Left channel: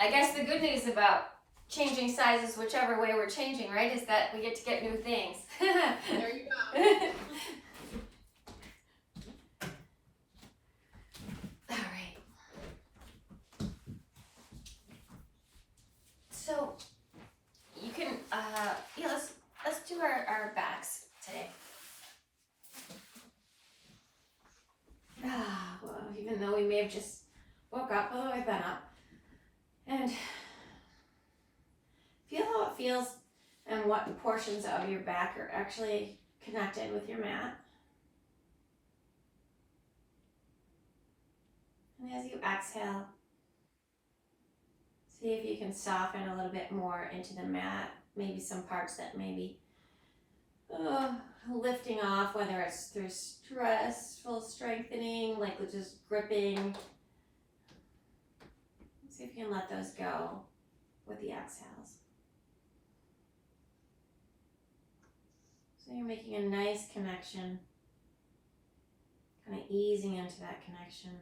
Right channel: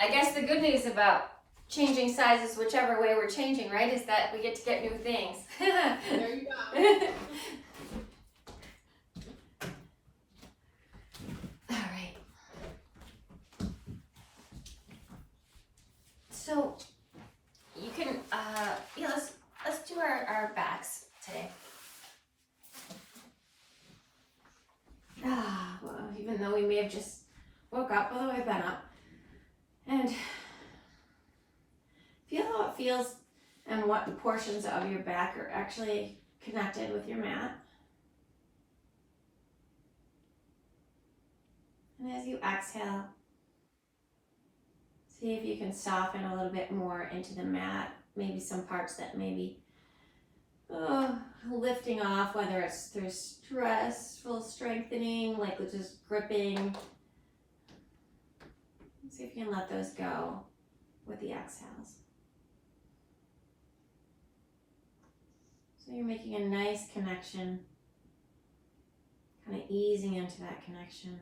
I guess the good news about changing sizes whichever way we're changing, right, is that we get to get new things. There you go. All right. So you can, yeah, let's do our backs today. Well, even though we may have just woke up, although we've been up, and feel how it feels and what portions of your back are actually connected with your mat. And as you exhale, see if you can soften a little bit more into the mat, maybe some parts that maybe lifting off, whether it's through stressful strengthening, like with just gripping. See if you can let those go with the exhales. So you're making a nice connection, kind of easing into that connection.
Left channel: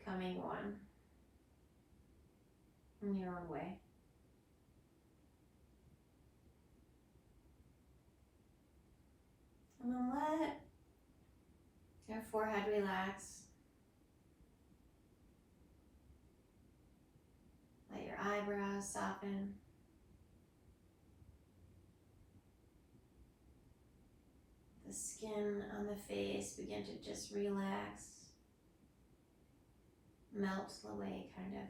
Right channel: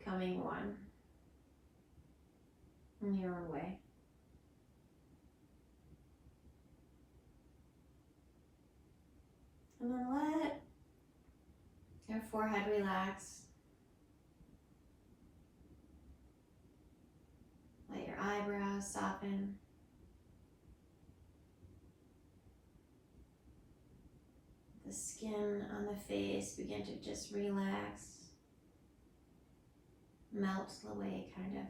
Becoming one in your own way. And then let your forehead relax. Let your eyebrows soften. The skin on the face begin to just relax. Melt away, kind of.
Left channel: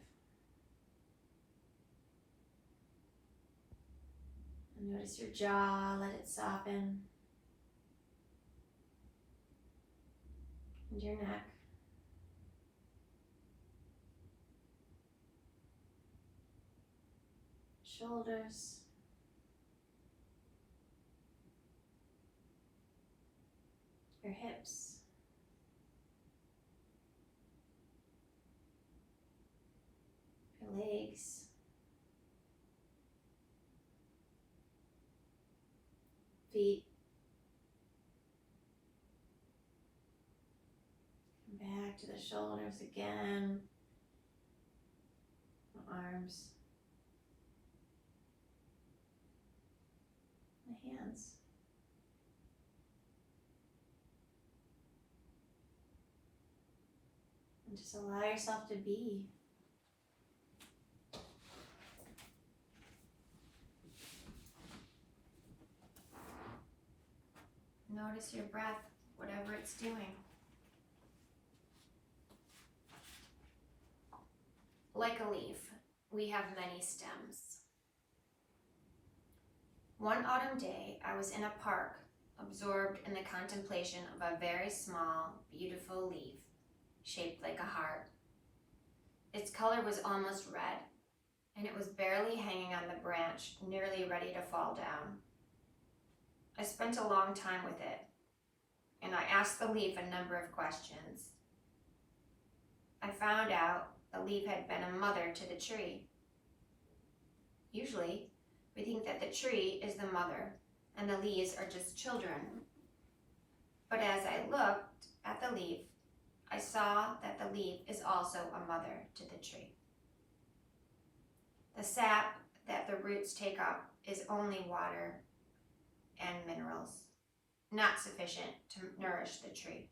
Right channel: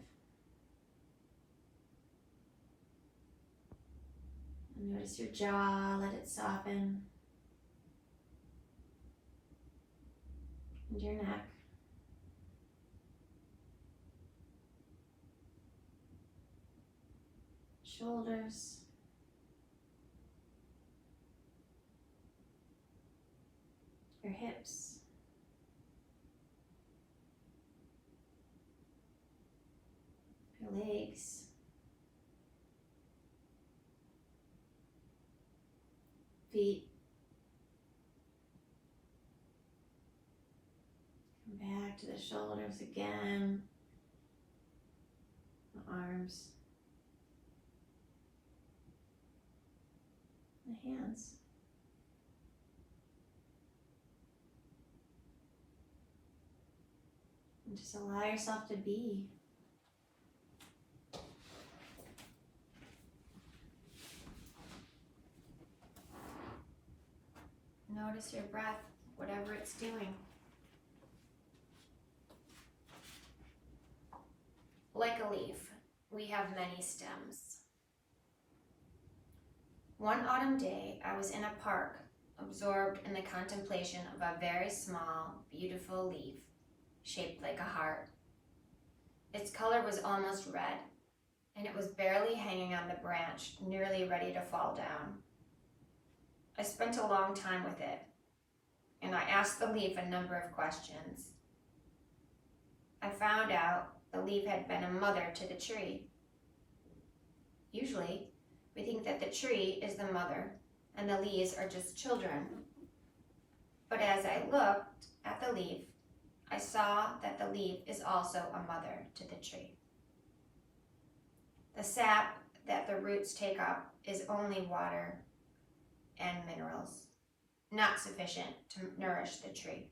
And notice your jaw, let it soften. And your neck. Shoulders. Your hips. Your legs. Feet. Back to the shoulders again, the arms, the hands. And just allow yourself to be. Notice your breath, whatever it's doing. Like a leaf, we have many stems. One autumn day, I was in a park, absorbed in the contemplation of a very small, beautiful leaf, shaped like a heart. Its color was almost red, and it was barely hanging on the branch, nearly ready to fall down. I spent a long time with it, and I asked the leaf a number of questions. I found out the leaf had been a mother to the tree. Usually, we think that the tree is the mother and the leaves are just children. But as I looked at the leaf, I saw that the leaf is also a mother to the tree. The sap that the roots take up is only water and minerals, not sufficient to nourish the tree.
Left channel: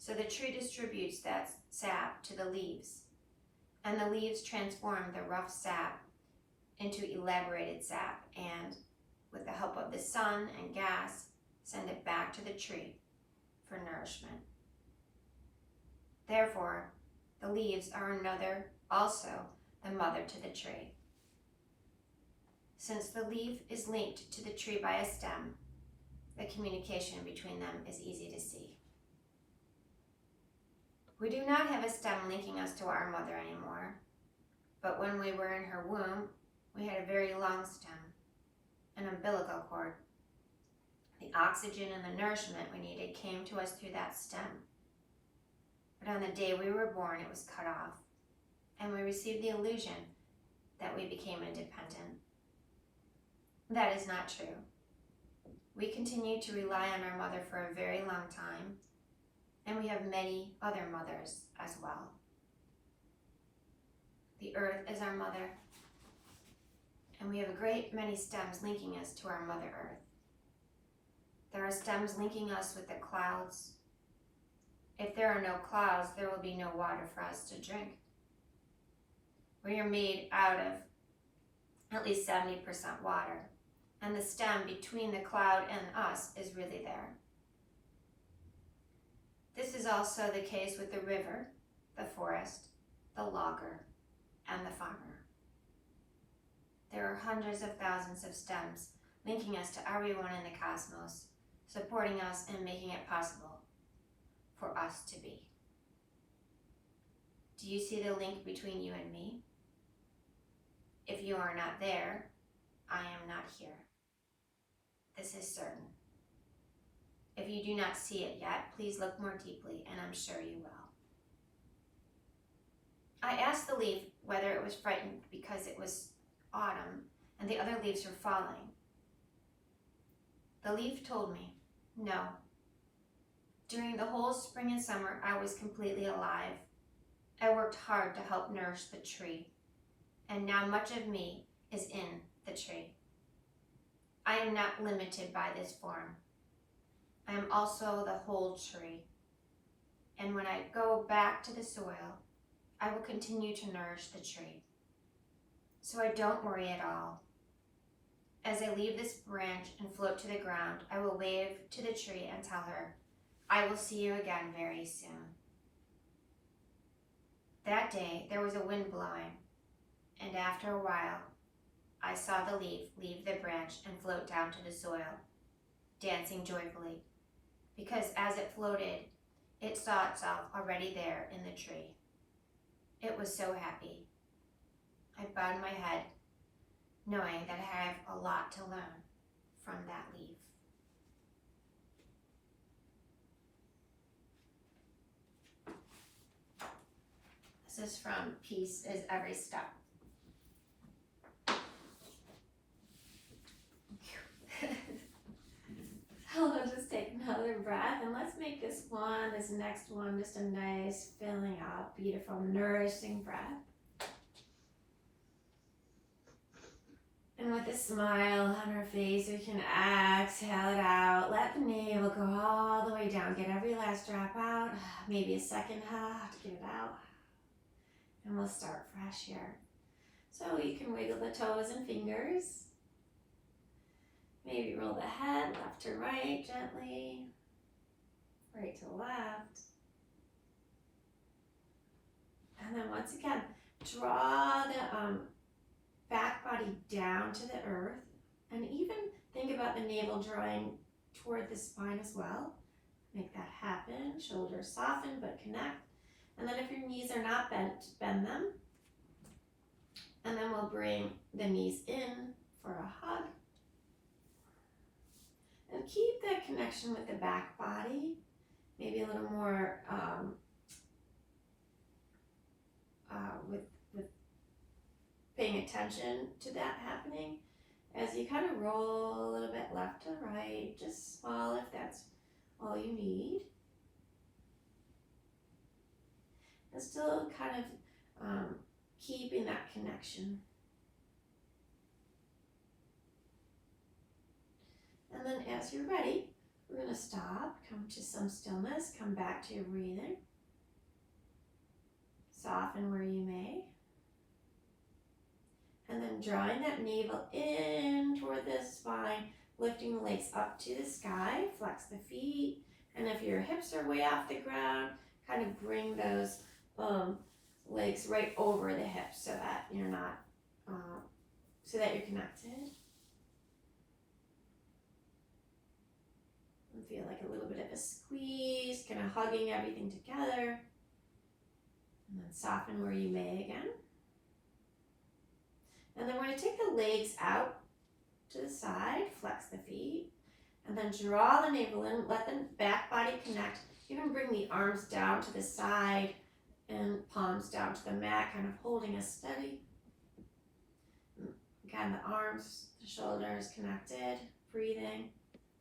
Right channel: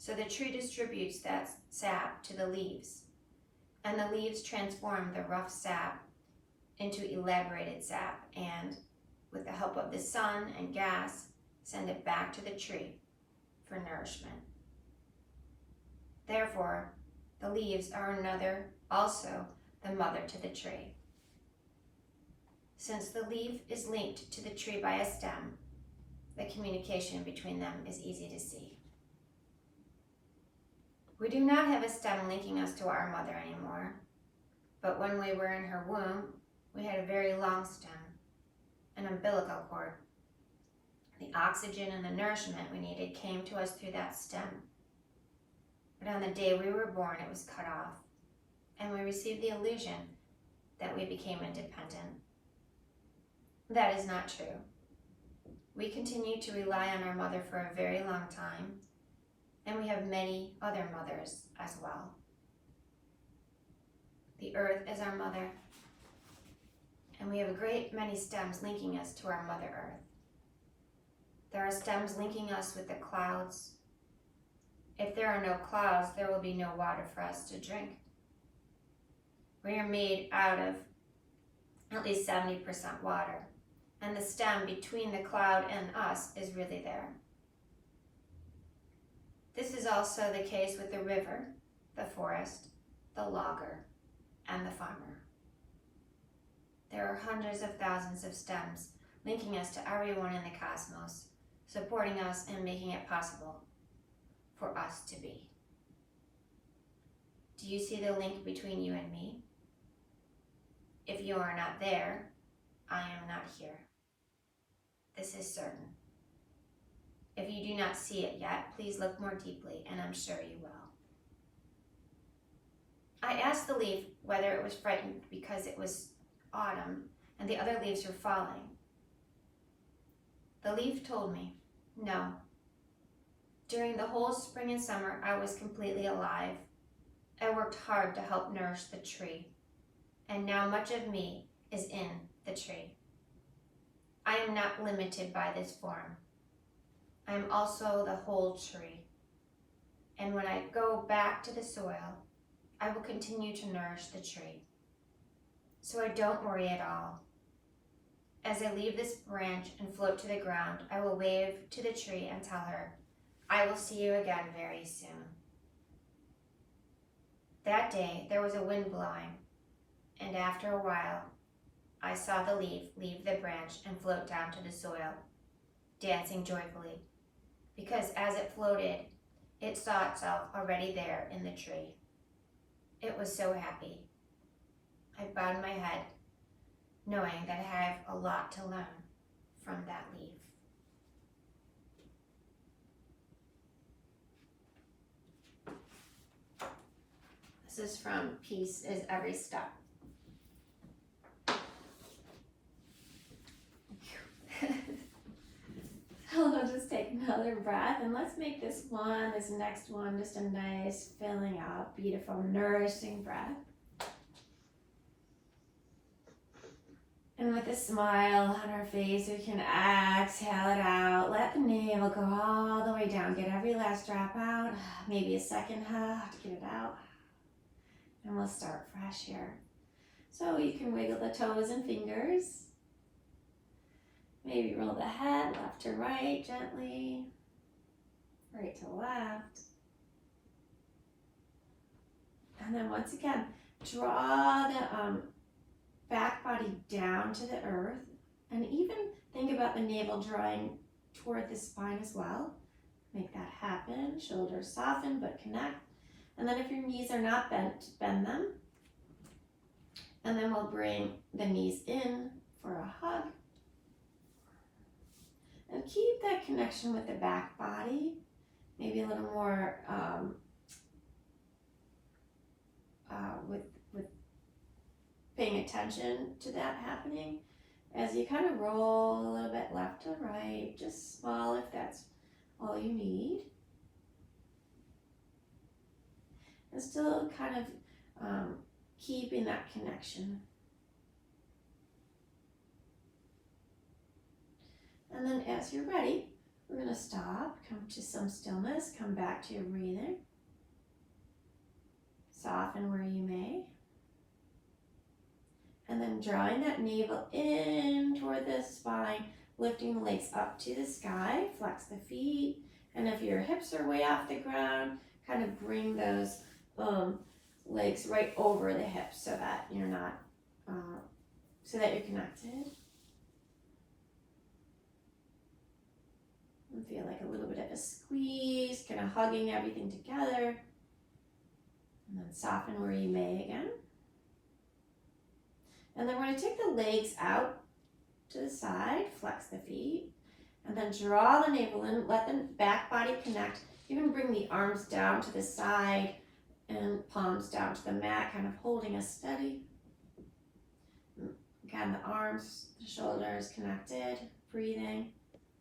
So the tree distributes that sap to the leaves, and the leaves transform the rough sap into elaborated sap, and with the help of the sun and gas, send it back to the tree for nourishment. Therefore, the leaves are also the mother to the tree. Since the leaf is linked to the tree by a stem, the communication between them is easy to see. We do not have a stem linking us to our mother anymore, but when we were in her womb, we had a very long stem, an umbilical cord. The oxygen and the nourishment we needed came to us through that stem. But on the day we were born, it was cut off, and we received the illusion that we became independent. That is not true. We continued to rely on our mother for a very long time, and we have many other mothers as well. The earth is our mother, and we have a great many stems linking us to our Mother Earth. There are stems linking us with the clouds. If there are no clouds, there will be no water for us to drink. We are made out of at least 70% water, and the stem between the cloud and us is really there. This is also the case with the river, the forest, the logger, and the farmer. There are hundreds of thousands of stems linking us to everyone in the cosmos, supporting us and making it possible for us to be. Do you see the link between you and me? If you are not there, I am not here. This is certain. If you do not see it yet, please look more deeply, and I'm sure you will. I asked the leaf whether it was frightened because it was autumn and the other leaves were falling. The leaf told me, no. During the whole spring and summer, I was completely alive. I worked hard to help nourish the tree, and now much of me is in the tree. I am not limited by this form. I am also the whole tree. And when I go back to the soil, I will continue to nourish the tree. So I don't worry at all. As I leave this branch and float to the ground, I will wave to the tree and tell her, I will see you again very soon. That day, there was a wind blowing, and after a while, I saw the leaf leave the branch and float down to the soil, dancing joyfully, because as it floated, it saw itself already there in the tree. It was so happy. I bowed my head, knowing that I have a lot to learn from that leaf. This is from Peace is Every Step. So we'll just take another breath, and let's make this next one, just a nice, filling up, beautiful, nourishing breath. And with a smile on our face, we can exhale it out. Let the navel go all the way down. Get every last drop out. Maybe a second to get it out. And we'll start fresh here. So you can wiggle the toes and fingers. Maybe roll the head left to right gently, right to left. And then once again, draw the back body down to the earth, and even think about the navel drawing toward the spine as well. Make that happen. Shoulders soften but connect. And then if your knees are not bent, bend them. And then we'll bring the knees in for a hug. And keep that connection with the back body. Maybe a little more with paying attention to that happening as you kind of roll a little bit left to right, just small if that's all you need. And still kind of keeping that connection. And then as you're ready, we're going to stop, come to some stillness, come back to your breathing. Soften where you may. And then drawing that navel in toward the spine, lifting the legs up to the sky, flex the feet. And if your hips are way off the ground, kind of bring those legs right over the hips so that you're not, so that you're connected. And feel like a little bit of a squeeze, kind of hugging everything together. And then soften where you may again. And then we're going to take the legs out to the side, flex the feet, and then draw the navel in, let the back body connect. Even bring the arms down to the side and palms down to the mat, kind of holding us steady. Again, the arms, the shoulders connected, breathing,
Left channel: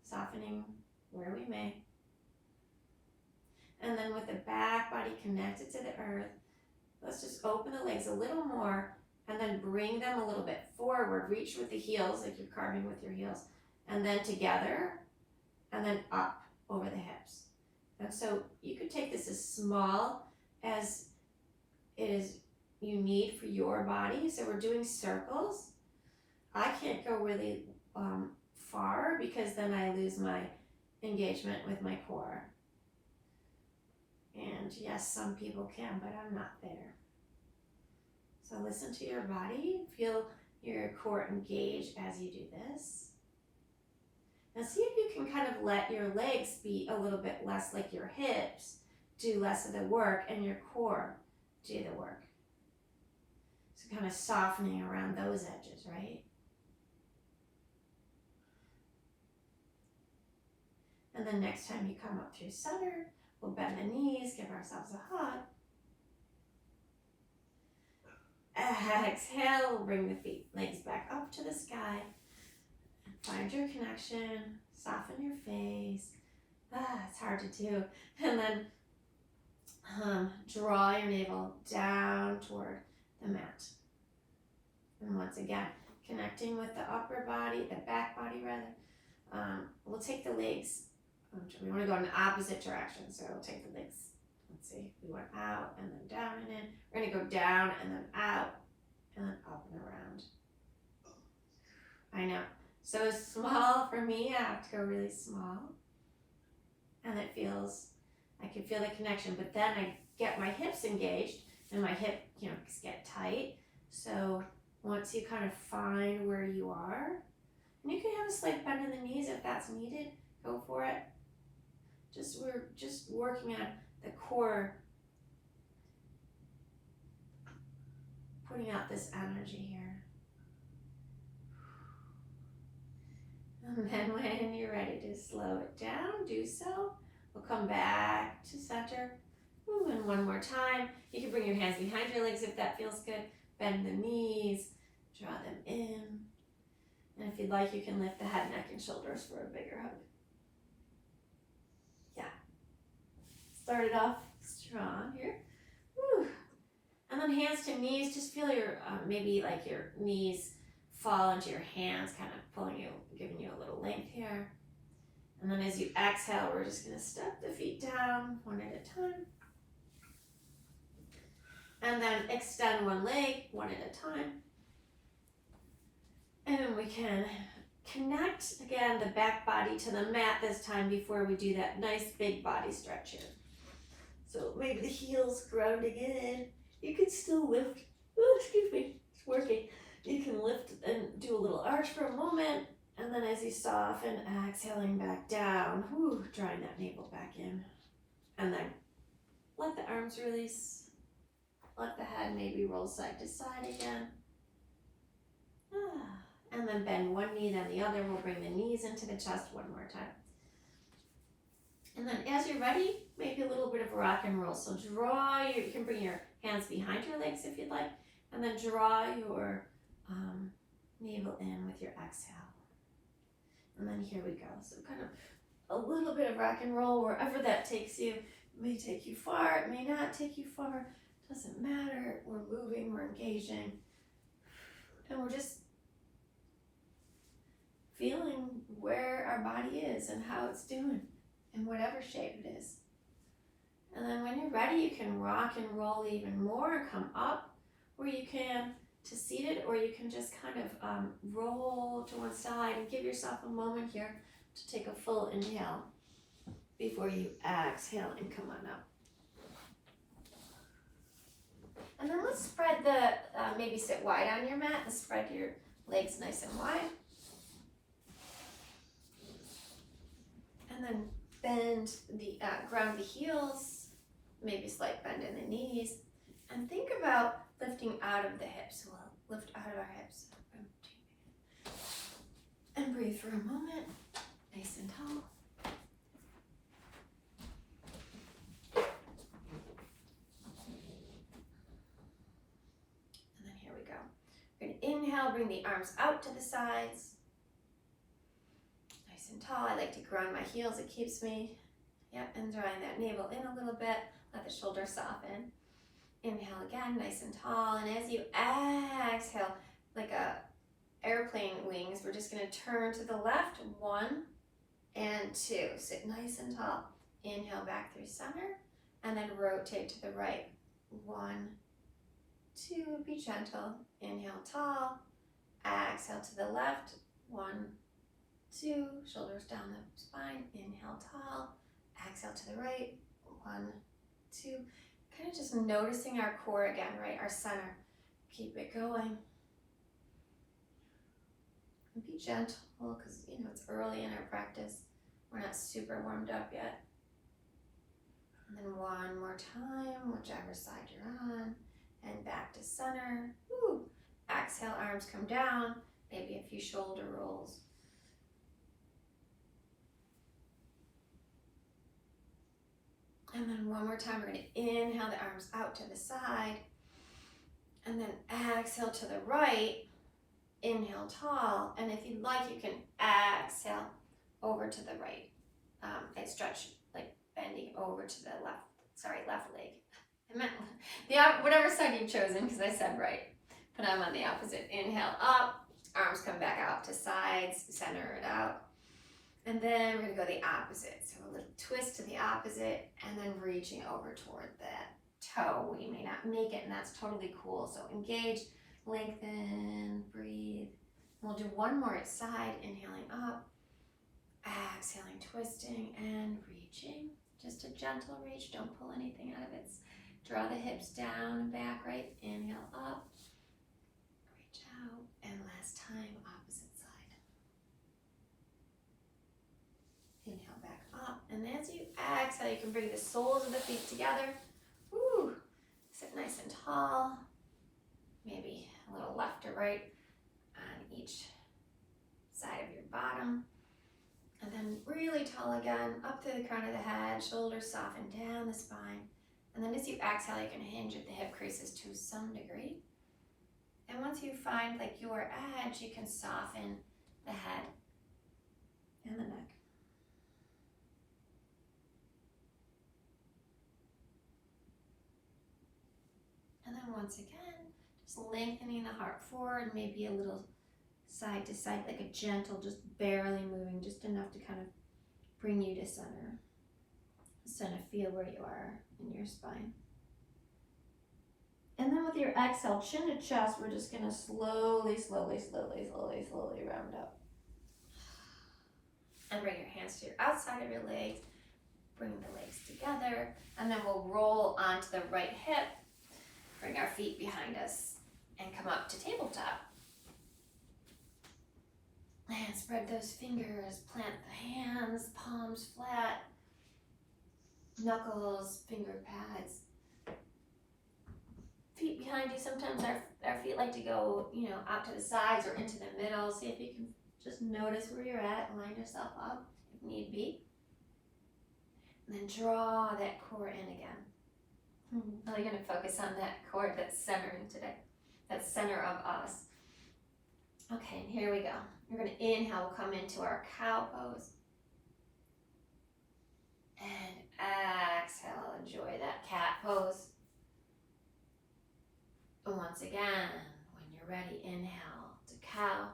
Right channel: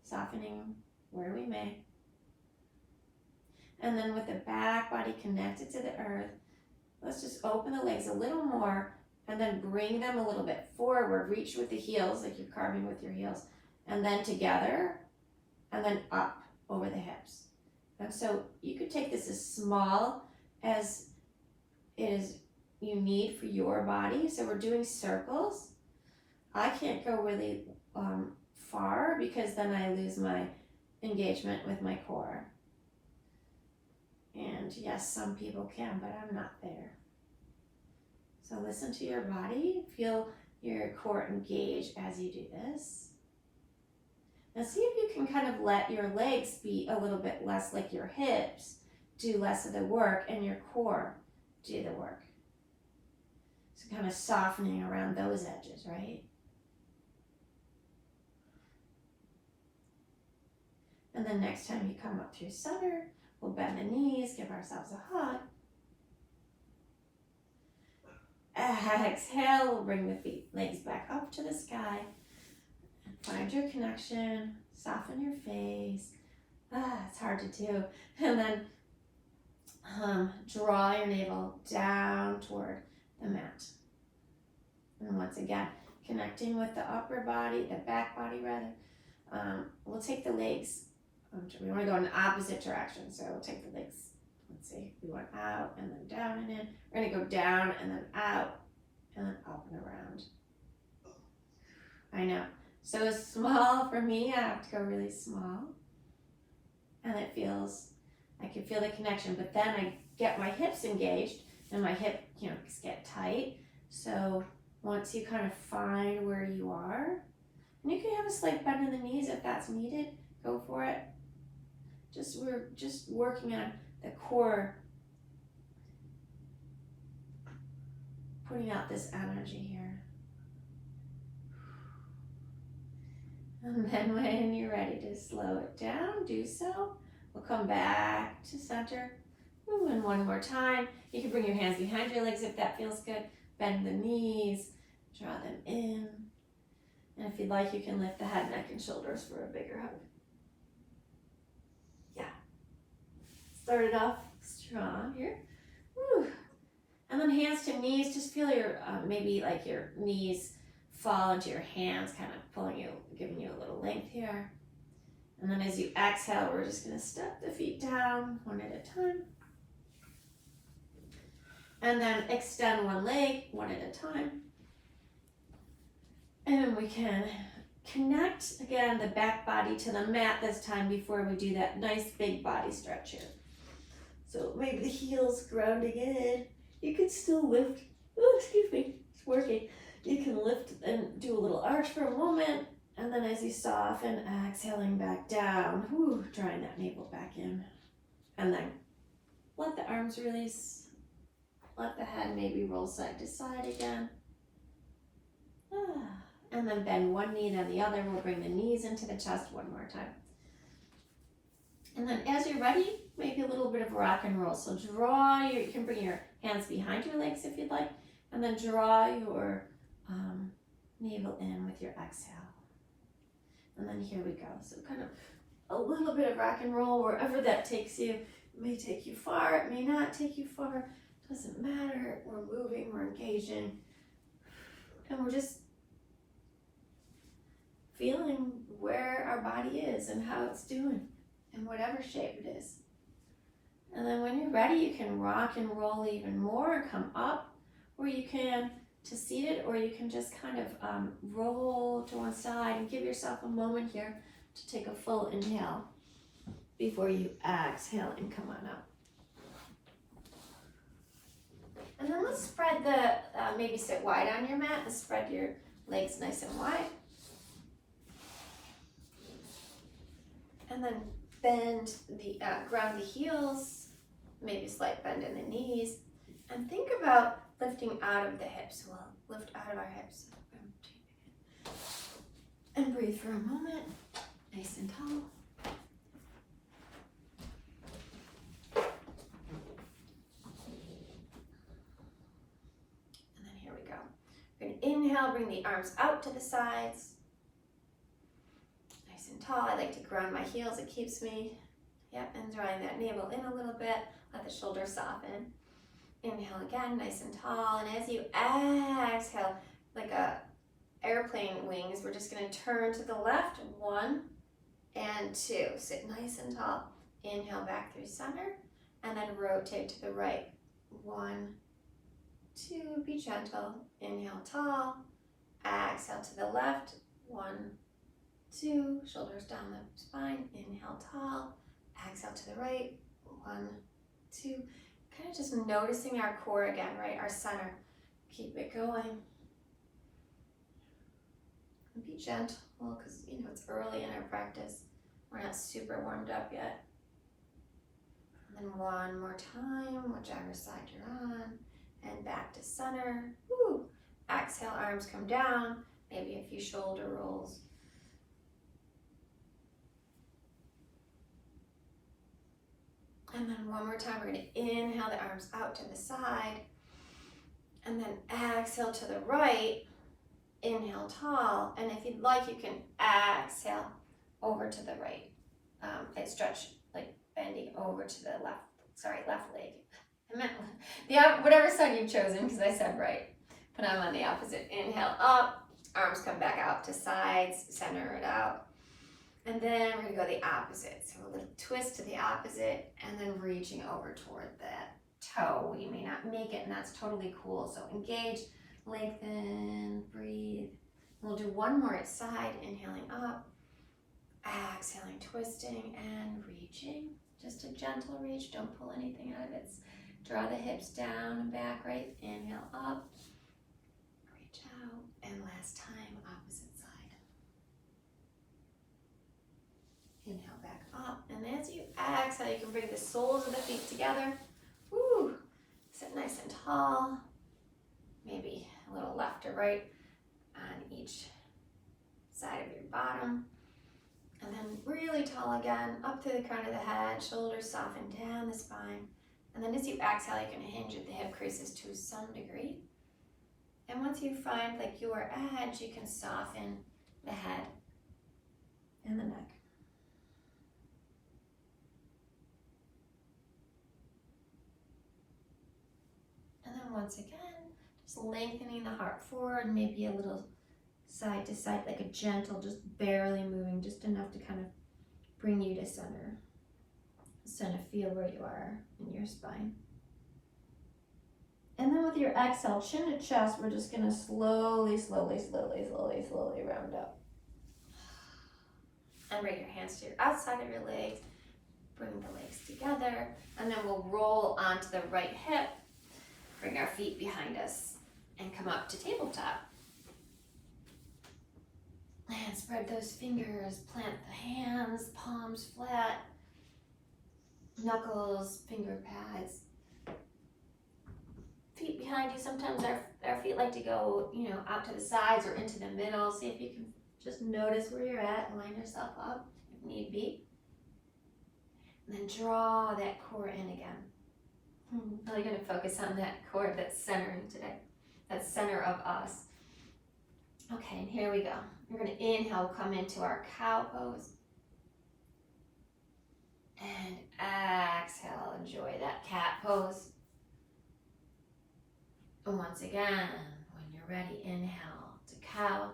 softening where we may. And then with the back body connected to the earth, let's just open the legs a little more and then bring them a little bit forward. Reach with the heels, like you're carving with your heels, and then together, and then up over the hips. And so you could take this as small as it is you need for your body. So we're doing circles. I can't go really far because then I lose my engagement with my core. And yes, some people can, but I'm not there. So listen to your body. Feel your core engage as you do this. Now see if you can kind of let your legs be a little bit less like your hips, do less of the work, and your core do the work. So kind of softening around those edges, right? And then next time you come up through center, we'll bend the knees, give ourselves a hug. Exhale, we'll bring the legs back up to the sky. Find your connection, soften your face. It's hard to do. And then draw your navel down toward the mat. And once again, connecting with the upper body, the back body rather. We'll take the legs. We want to go in the opposite direction. So we'll take the legs. Let's see. We went out and then down and in. We're going to go down and then out and then up and around. I know. So small for me, I have to go really small. And it feels, I can feel the connection, but then I get my hips engaged and my hip, get tight. So once you kind of find where you are, and you can have a slight bend in the knees if that's needed, go for it. We're just working on the core, putting out this energy here. And then when you're ready to slow it down, do so. We'll come back to center. Ooh, and one more time. You can bring your hands behind your legs if that feels good. Bend the knees, draw them in. And if you'd like, you can lift the head, neck, and shoulders for a bigger hug. Yeah. Start it off strong here. Woo. And then hands to knees. Just feel your, maybe like your knees fall into your hands, kind of pulling you, giving you a little length here. And then as you exhale, we're just going to step the feet down one at a time. And then extend one leg one at a time. And we can connect, again, the back body to the mat this time before we do that nice big body stretch here. So maybe the heels grounding in. You can still lift. Oh, excuse me, it's working. You can lift and do a little arch for a moment. And then as you soften, exhaling back down, drawing that navel back in. And then let the arms release. Let the head maybe roll side to side again. And then bend one knee, then the other. We'll bring the knees into the chest one more time. And then as you're ready, maybe a little bit of rock and roll. So you can bring your hands behind your legs if you'd like. And then draw your navel in with your exhale. And then here we go. So kind of a little bit of rock and roll wherever that takes you. It may take you far, it may not take you far. Doesn't matter. We're moving, we're engaging. And we're just feeling where our body is and how it's doing in whatever shape it is. And then when you're ready, you can rock and roll even more and come up, or you can to seated, or you can just kind of roll to one side and give yourself a moment here to take a full inhale before you exhale and come on up. And then let's spread maybe sit wide on your mat and spread your legs nice and wide. And then bend ground the heels, maybe slight bend in the knees. And think about lifting out of the hips. We'll lift out of our hips. And breathe for a moment, nice and tall. And then here we go. We're going to inhale, bring the arms out to the sides. Nice and tall. I like to ground my heels. It keeps me, Yep, and drawing that navel in a little bit. Let the shoulders soften. Inhale again, nice and tall. And as you exhale, like a airplane wings, we're just gonna turn to the left, 1 and 2. Sit nice and tall. Inhale back through center, and then rotate to the right. 1, 2, be gentle. Inhale tall, exhale to the left. 1, 2, shoulders down the spine. Inhale tall, exhale to the right. 1, 2, kind of just noticing our core again, right? Our center. Keep it going. And be gentle, because it's early in our practice. We're not super warmed up yet. And then one more time, whichever side you're on, and back to center. Woo. Exhale, arms come down, maybe a few shoulder rolls. And then one more time, we're gonna inhale the arms out to the side, and then exhale to the right. Inhale tall, and if you'd like, you can exhale over to the right. I stretch, like bending over to the left leg. I meant whatever side you've chosen, because I said right. But I'm on the opposite. Inhale up, arms come back out to sides, center it out. And then we're gonna go the opposite. So a little twist to the opposite, and then reaching over toward that toe. You may not make it, and that's totally cool. So engage, lengthen, breathe. We'll do one more side, inhaling up, exhaling, twisting, and reaching. Just a gentle reach, don't pull anything out of it. Draw the hips down and back, right? Inhale up, reach out, and last time, opposite side. Inhale back up, and as you exhale, you can bring the soles of the feet together. Woo! Sit nice and tall. Maybe a little left or right on each side of your bottom. And then really tall again, up to the crown of the head, shoulders soften down the spine. And then as you exhale, you can hinge at the hip creases to some degree. And once you find like your edge, you can soften the head and the neck. And then once again, just lengthening the heart forward, maybe a little side to side, like a gentle, just barely moving, just enough to kind of bring you to center. Just kind of feel where you are in your spine. And then with your exhale, chin to chest, we're just gonna slowly round up. And bring your hands to your outside of your legs, bring the legs together, and then we'll roll onto the right hip, bring our feet behind us, and come up to tabletop. And spread those fingers, plant the hands, palms flat, knuckles, finger pads. Feet behind you, sometimes our feet like to go, out to the sides or into the middle. See if you can just notice where you're at, line yourself up if need be. And then draw that core in again. Now you're gonna focus on that core that's centering today, that center of us. Okay, and here we go. We're gonna inhale, come into our cow pose. And exhale, enjoy that cat pose. And once again, when you're ready, inhale to cow.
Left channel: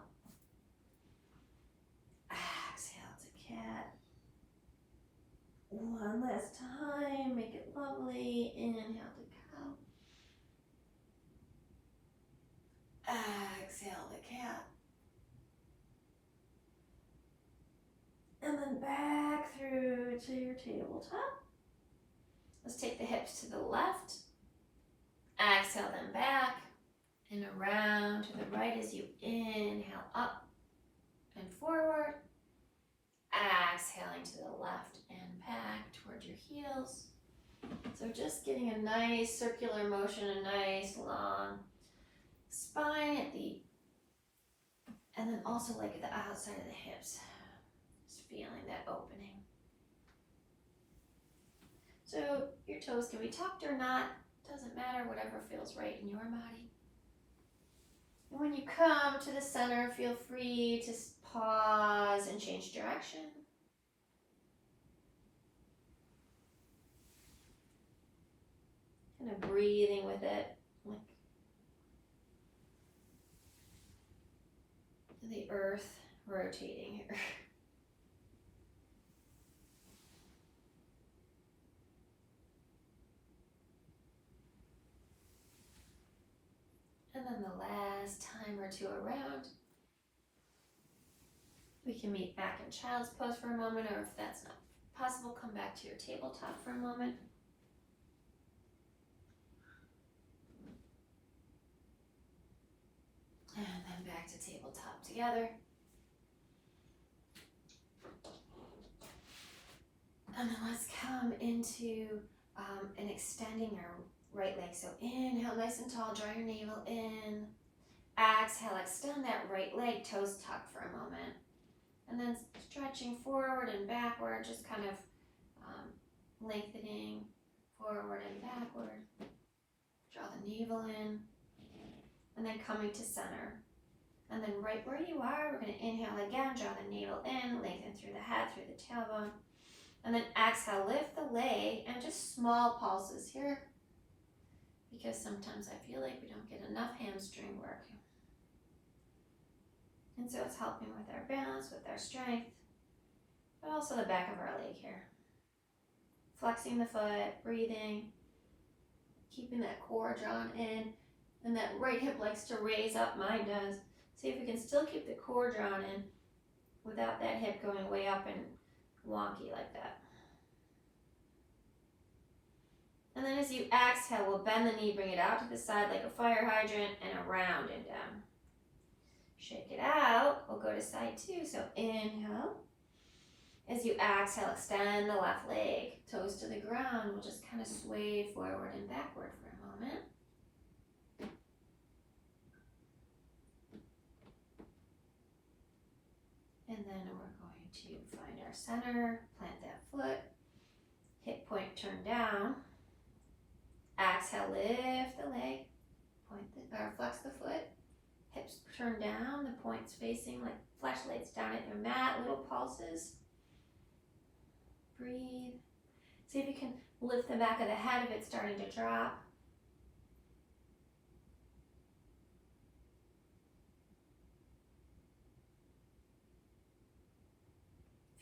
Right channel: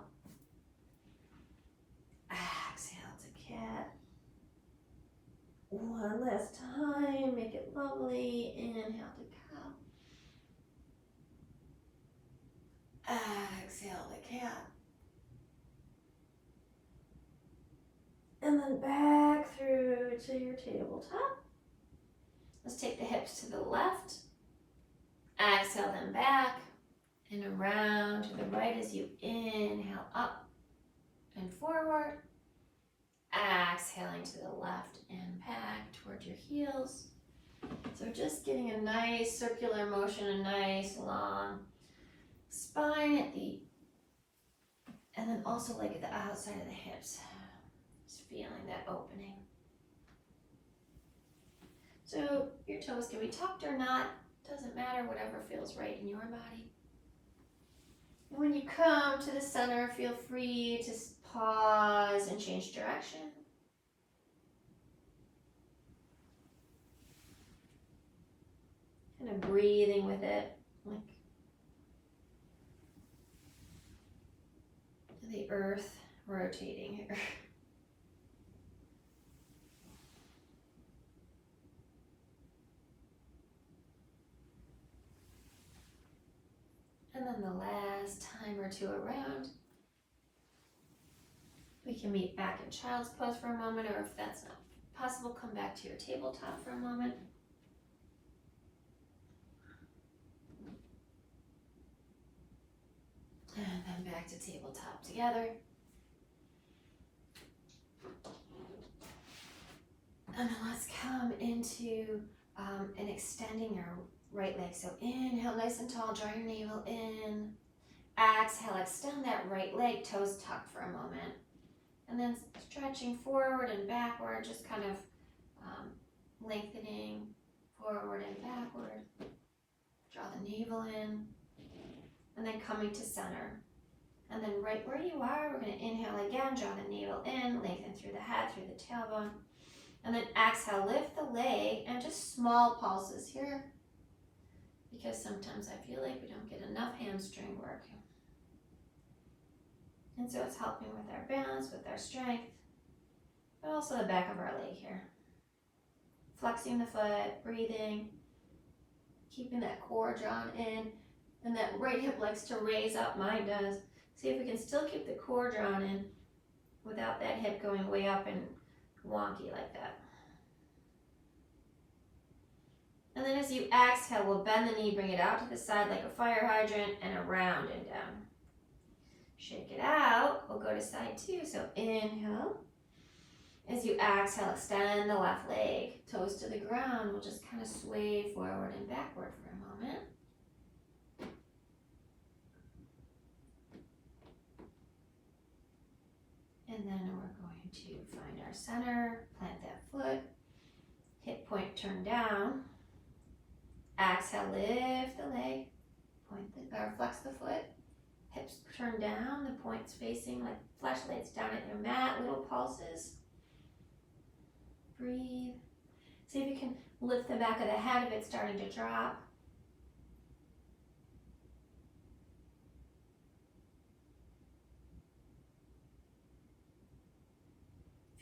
Exhale to cat. One last time, make it lovely. Inhale to cow. Exhale to cat. And then back through to your tabletop. Let's take the hips to the left. Exhale them back and around to the right as you inhale up and forward. Exhaling to the left and back toward your heels. So just getting a nice circular motion, a nice long spine at the, and then also like at the outside of the hips. Just feeling that opening. So your toes can be tucked or not, doesn't matter, whatever feels right in your body. And when you come to the center, feel free to pause and change direction. kind of breathing with it, like the earth rotating here. And then the last time or two around, we can meet back in child's pose for a moment, or if that's not possible, come back to your tabletop for a moment. And then back to tabletop together. And then let's come into an extending our right leg. So inhale nice and tall, draw your navel in. Exhale, extend that right leg, toes tucked for a moment. And then stretching forward and backward, just kind of lengthening forward and backward. Draw the navel in. And then coming to center. And then right where you are, we're going to inhale again, draw the navel in, lengthen through the head, through the tailbone. And then exhale, lift the leg, and just small pulses here, because sometimes I feel like we don't get enough hamstring work. And so it's helping with our balance, with our strength, but also the back of our leg here. Flexing the foot, breathing, keeping that core drawn in, and that right hip likes to raise up, mine does. See if we can still keep the core drawn in without that hip going way up and wonky like that. And then as you exhale, we'll bend the knee, bring it out to the side like a fire hydrant, and around and down. Shake it out, we'll go to side two. So inhale. As you exhale, extend the left leg, toes to the ground. We'll just kind of sway forward and backward for a moment. And then we're going to find our center, plant that foot, hip point turn down. Exhale, lift the leg, flex the foot, hips turn down, the points facing like flashlights down at your mat, little pulses. Breathe. See if you can lift the back of the head if it's starting to drop.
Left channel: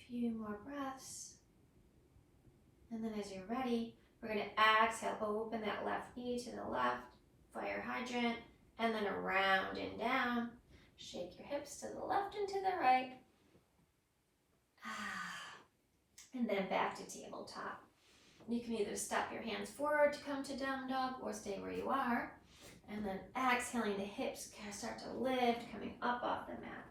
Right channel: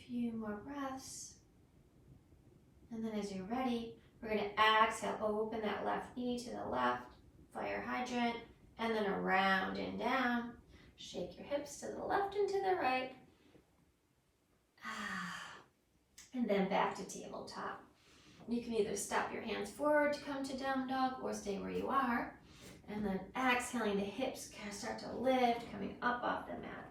Few more breaths. And then as you're ready, we're going to exhale, open that left knee to the left, fire hydrant, and then around and down. Shake your hips to the left and to the right. And then back to tabletop. You can either step your hands forward to come to down dog or stay where you are. And then exhaling, the hips start to lift, coming up off the mat.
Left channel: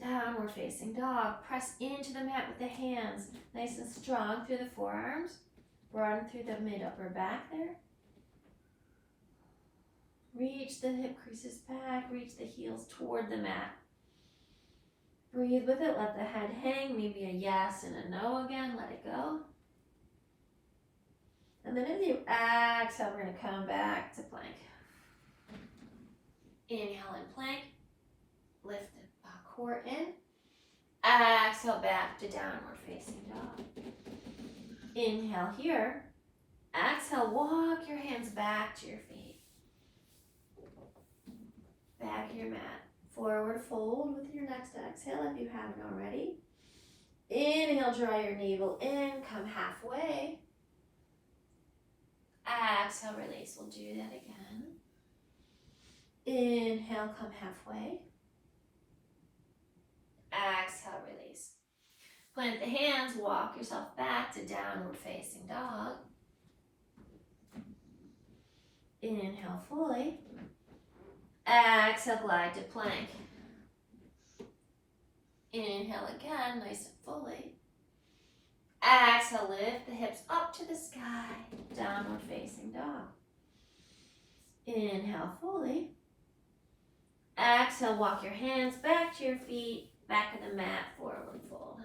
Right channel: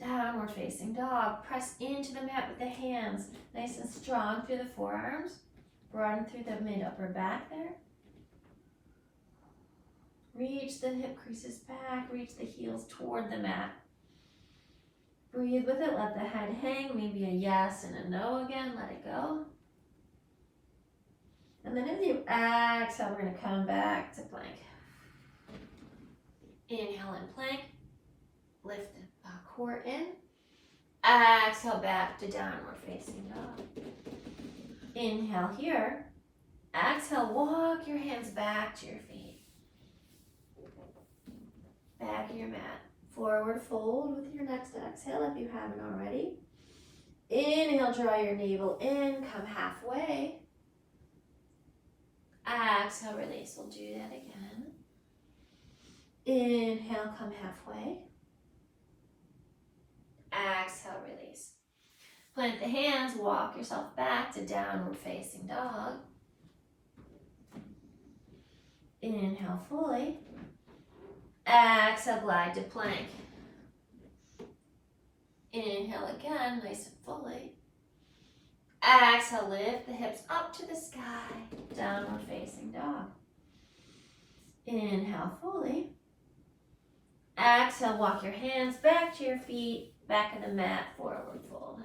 Downward facing dog. Press into the mat with the hands. Nice and strong through the forearms. Broaden through the mid-upper back there. Reach the hip creases back. Reach the heels toward the mat. Breathe with it. Let the head hang. Maybe a yes and a no again. Let it go. And then as you exhale, we're going to come back to plank. Inhale and plank. Lift the core in. Exhale back to downward facing dog. Inhale here. Exhale, walk your hands back to your feet. Back of your mat. Forward fold with your next exhale if you haven't already. Inhale, draw your navel in, come halfway. Exhale, release. We'll do that again. Inhale, come halfway. Exhale, release. Plant the hands, walk yourself back to downward facing dog. Inhale fully. Exhale, glide to plank. Inhale again, nice and fully. Exhale, lift the hips up to the sky, downward facing dog. Inhale fully. Exhale, walk your hands back to your feet, back in the mat, forward fold.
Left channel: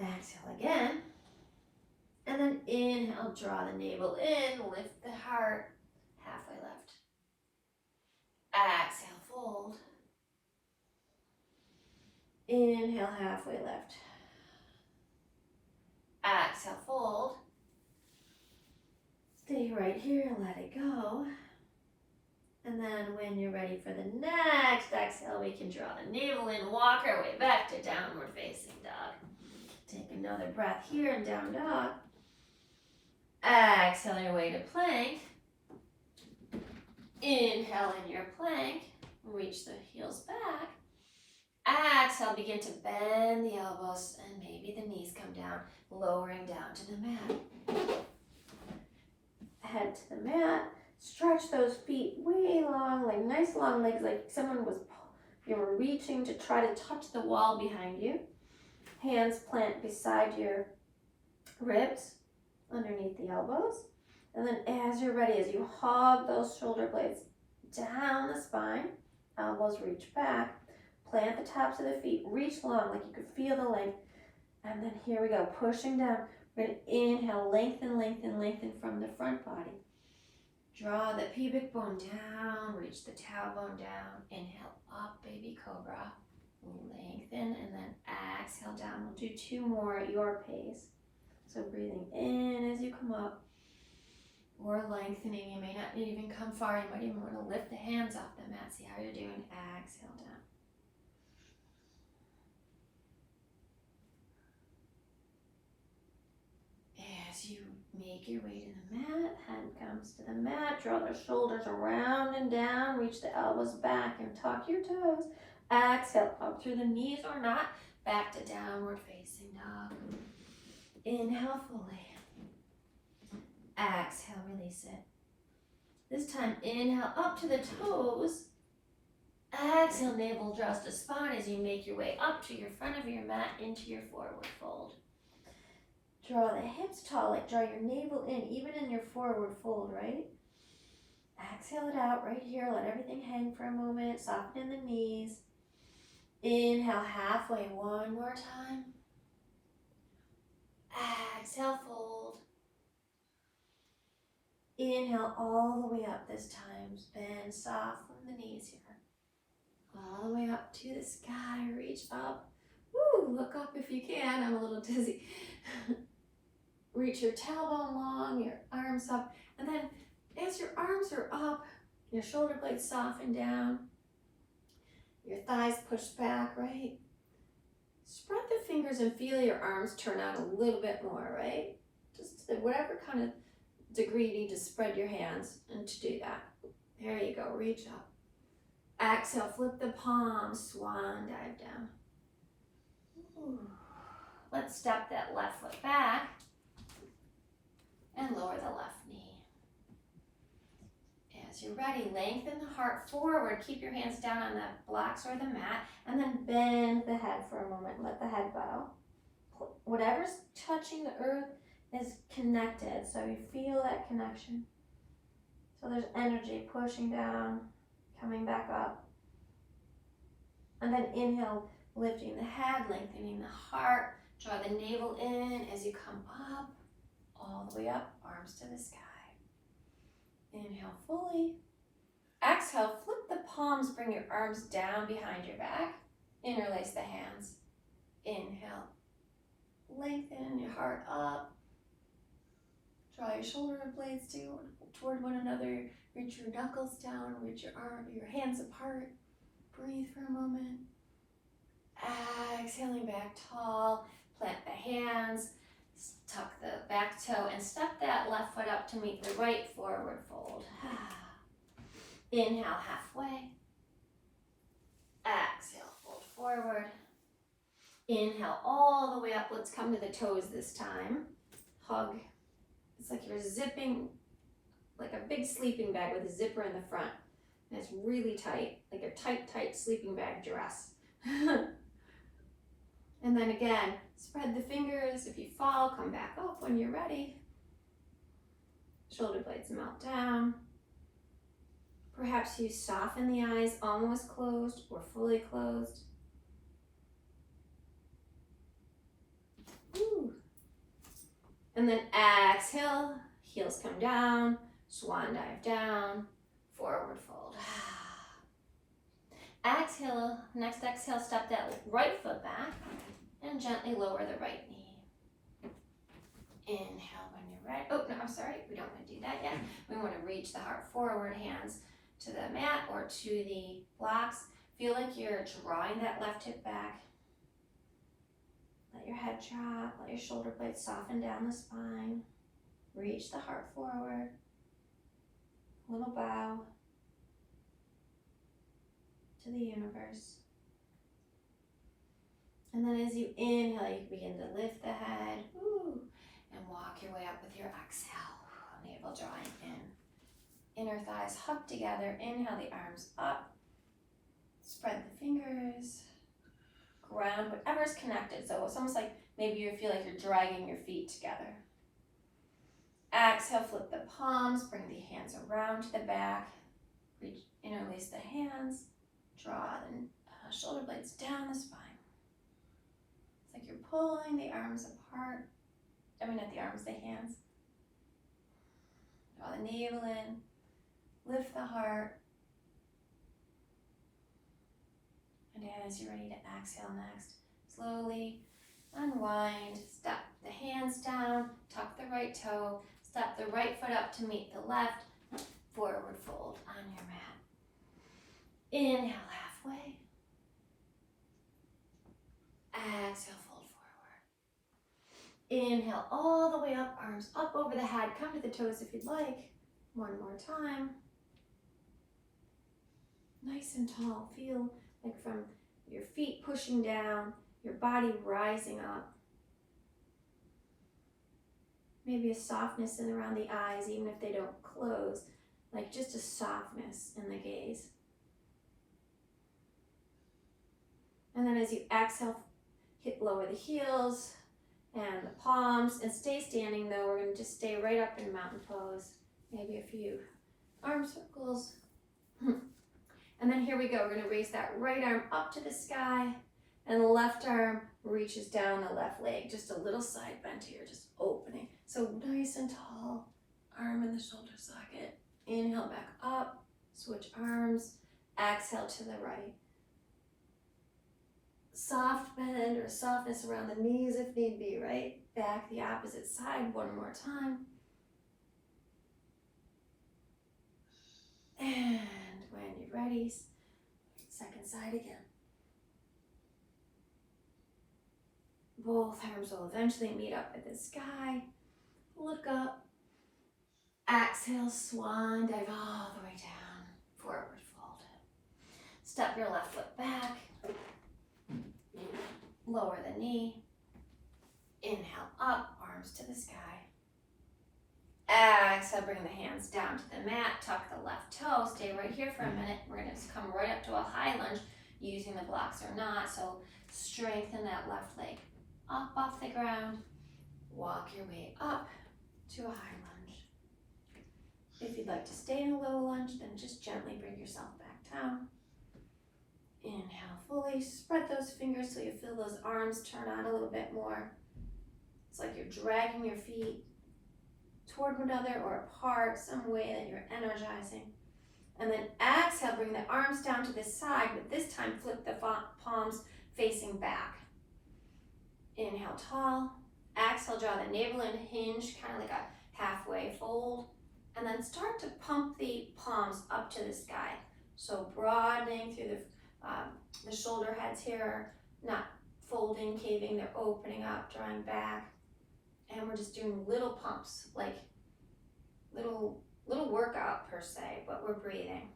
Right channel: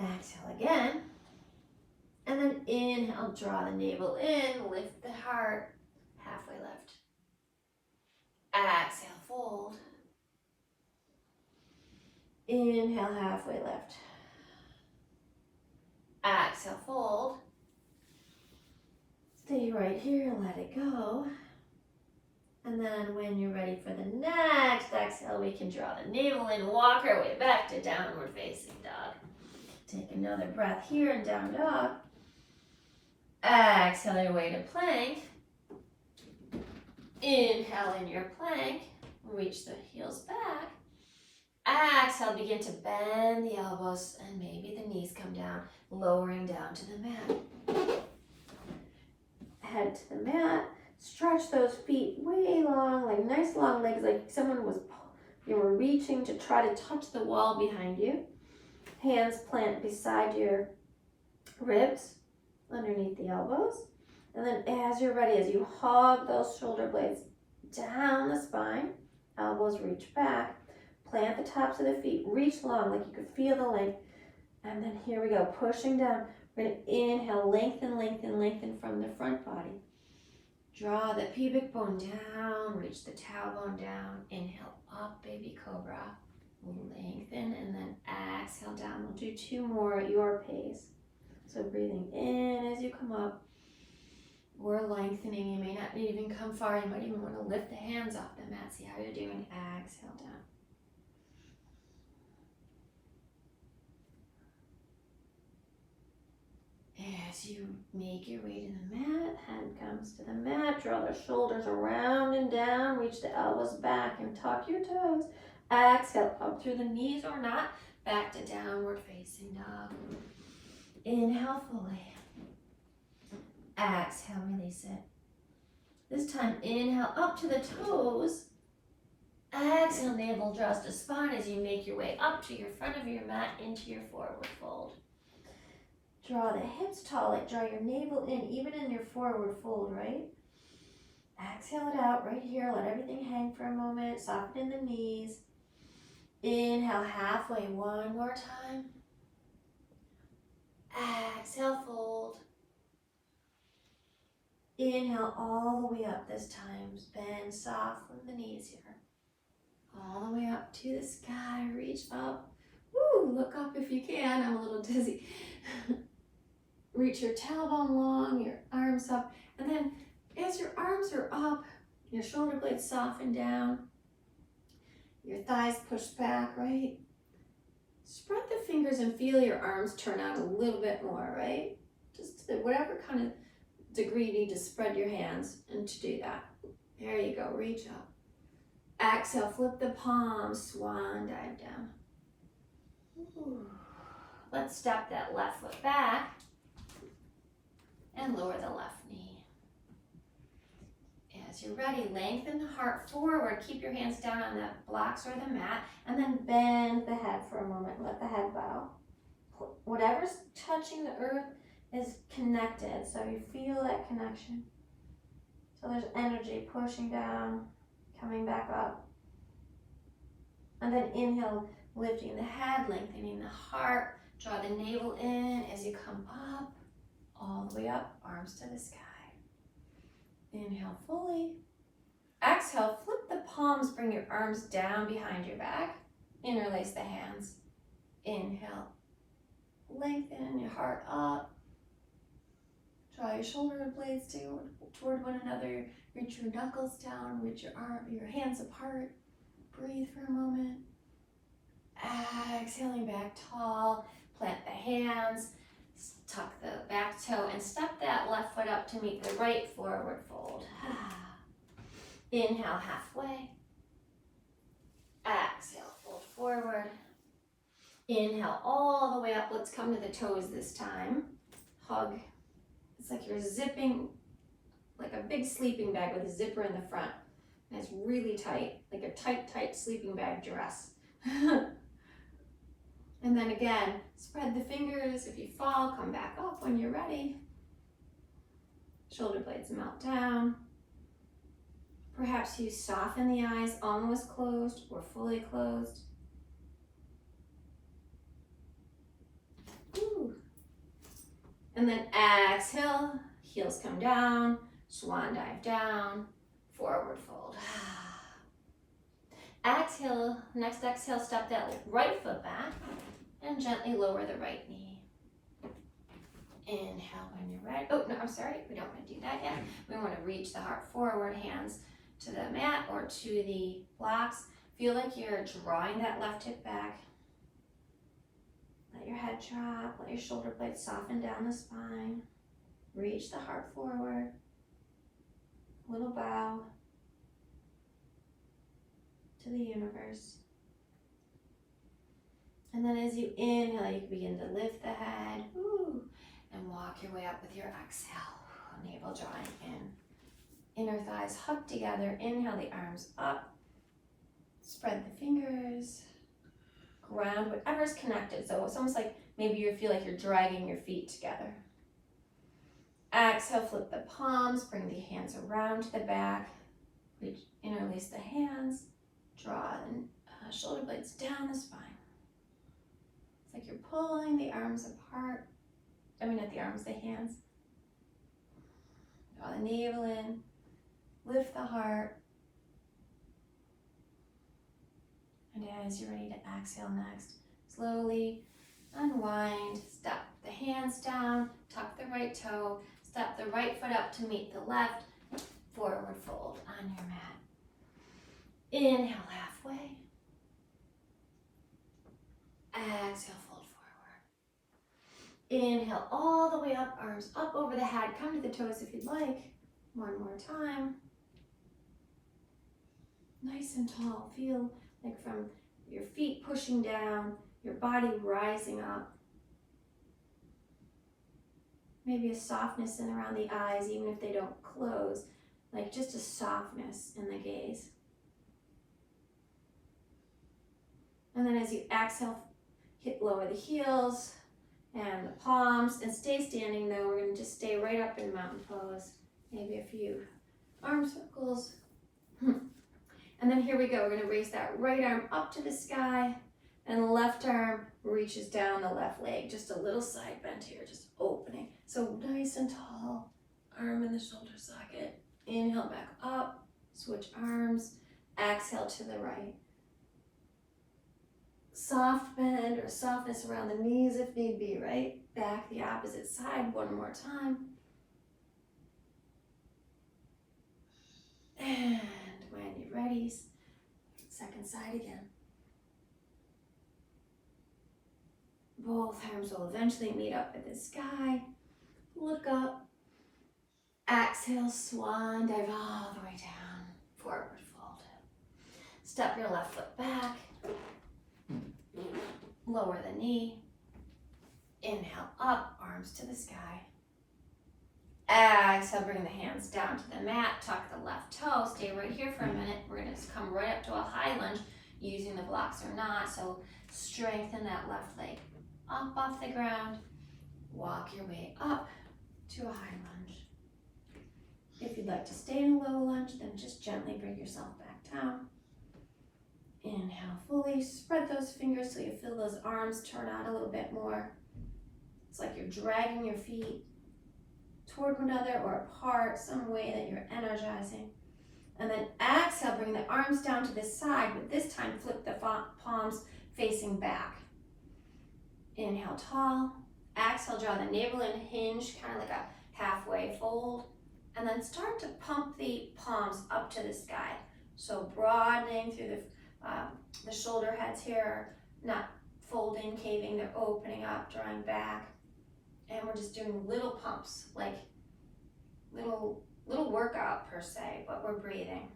Exhale again. And then inhale, draw the navel in, lift the heart, halfway lift. Exhale, fold. Inhale, halfway lift. Exhale, fold. stay right here, let it go. And then when you're ready for the next exhale, we can draw the navel in, walk our way back to downward facing dog. Take another breath here in down dog. Exhale your way to plank. Inhale in your plank. Reach the heels back. Exhale, begin to bend the elbows and maybe the knees come down, lowering down to the mat. Head to the mat. Stretch those feet way long, like nice long legs, like you were reaching to try to touch the wall behind you. Hands plant beside your ribs, underneath the elbows. And then as you're ready, as you hug those shoulder blades down the spine, elbows reach back, plant the tops of the feet, reach long, like you could feel the length. And then here we go, pushing down. We're gonna inhale, lengthen, lengthen, lengthen from the front body. Draw the pubic bone down, reach the tailbone down. Inhale up, baby cobra. Lengthen, and then exhale down. We'll do 2 more at your pace. So breathing in as you come up, or lengthening. You may not even come far. You might even want to lift the hands off the mat. See how you're doing. Exhale down. As you make your way to the mat, head comes to the mat, draw the shoulders around and down, reach the elbows back and tuck your toes. Exhale up through the knees or not, back to downward facing dog. Inhale fully. Exhale, release it. This time, inhale up to the toes. Exhale, navel draws to spine as you make your way up to your front of your mat into your forward fold. Draw the hips tall, like draw your navel in, even in your forward fold, right? Exhale it out right here. Let everything hang for a moment. Soften in the knees. Inhale halfway, one more time. Exhale, fold. Inhale all the way up this time. Bend soft from the knees here. All the way up to the sky. Reach up. Woo, look up if you can. I'm a little dizzy. Reach your tailbone long, your arms up. And then as your arms are up, your shoulder blades soften down. Your thighs push back, right? Spread the fingers and feel your arms turn out a little bit more, right? Just to whatever kind of degree you need to spread your hands and to do that. There you go, reach up. Exhale, flip the palms, swan dive down. Ooh. Let's step that left foot back and lower the left knee. As you're ready, lengthen the heart forward. Keep your hands down on the blocks or the mat, and then bend the head for a moment. Let the head bow. Whatever's touching the earth is connected, so you feel that connection. So there's energy pushing down, coming back up. And then inhale, lifting the head, lengthening the heart. Draw the navel in as you come up, all the way up, arms to the sky. Inhale fully. Exhale, flip the palms, bring your arms down behind your back. Interlace the hands. Inhale, lengthen your heart up. Draw your shoulder blades toward one another. Reach your knuckles down, reach your hands apart. Breathe for a moment. Exhaling back tall. Plant the hands, tuck the back toe, and step that left foot up to meet the right forward fold. Inhale halfway. Exhale, fold forward. Inhale all the way up. Let's come to the toes this time. Hug. It's like you're zipping, like a big sleeping bag with a zipper in the front. And it's really tight, like a tight sleeping bag dress. And then again, spread the fingers. If you fall, come back up when you're ready. Shoulder blades melt down. Perhaps you soften the eyes, almost closed or fully closed. Ooh. And then exhale, heels come down, swan dive down, forward fold. Exhale, next exhale, step that right foot back and gently lower the right knee. Inhale when you're ready. Oh, no, I'm sorry. We don't want to do that yet. We want to reach the heart forward, hands to the mat or to the blocks. Feel like you're drawing that left hip back. Let your head drop. Let your shoulder blades soften down the spine. Reach the heart forward. Little bow to the universe. And then as you inhale, you can begin to lift the head. Woo, and walk your way up with your exhale. Navel drawing in. Inner thighs hug together. Inhale the arms up. Spread the fingers. Ground whatever's connected. So it's almost like maybe you feel like you're dragging your feet together. Exhale, flip the palms. Bring the hands around to the back. Reach, interlace the hands. Draw the shoulder blades down the spine. It's like you're pulling the arms apart. Not the arms, the hands. Draw the navel in. Lift the heart. And as you're ready to exhale next, slowly unwind. Step the hands down. Tuck the right toe. Step the right foot up to meet the left. Forward fold on your mat. Inhale halfway. Exhale, fold forward. Inhale all the way up, arms up over the head. Come to the toes if you'd like. One more time. Nice and tall. Feel like from your feet pushing down, your body rising up. Maybe a softness in around the eyes, even if they don't close. Like just a softness in the gaze. And then as you exhale, lower the heels and the palms, and stay standing though. We're gonna just stay right up in mountain pose. Maybe a few arm circles. And then here we go. We're gonna raise that right arm up to the sky, and the left arm reaches down the left leg. Just a little side bend here, just opening. So nice and tall, arm in the shoulder socket. Inhale back up, switch arms, exhale to the right. Soft bend or softness around the knees if need be, right? Back the opposite side one more time. And when you're ready, second side again. Both arms will eventually meet up at the sky. Look up. Exhale, swan dive all the way down. Forward fold. Step your left foot back. Lower the knee. Inhale up, arms to the sky. Exhale, bring the hands down to the mat. Tuck the left toe. Stay right here for a minute. We're going to come right up to a high lunge using the blocks or not. So strengthen that left leg up off the ground. Walk your way up to a high lunge. If you'd like to stay in a low lunge, then just gently bring yourself back down. Inhale fully, spread those fingers so you feel those arms turn out a little bit more. It's like you're dragging your feet toward one another or apart, some way that you're energizing. And then exhale, bring the arms down to the side, but this time flip the palms facing back. Inhale tall, exhale, draw the navel in, hinge, kind of like a halfway fold. And then start to pump the palms up to the sky. So broadening through the shoulder heads here, not folding, caving, they're opening up, drawing back. And we're just doing little pumps, like little workout per se, but we're breathing.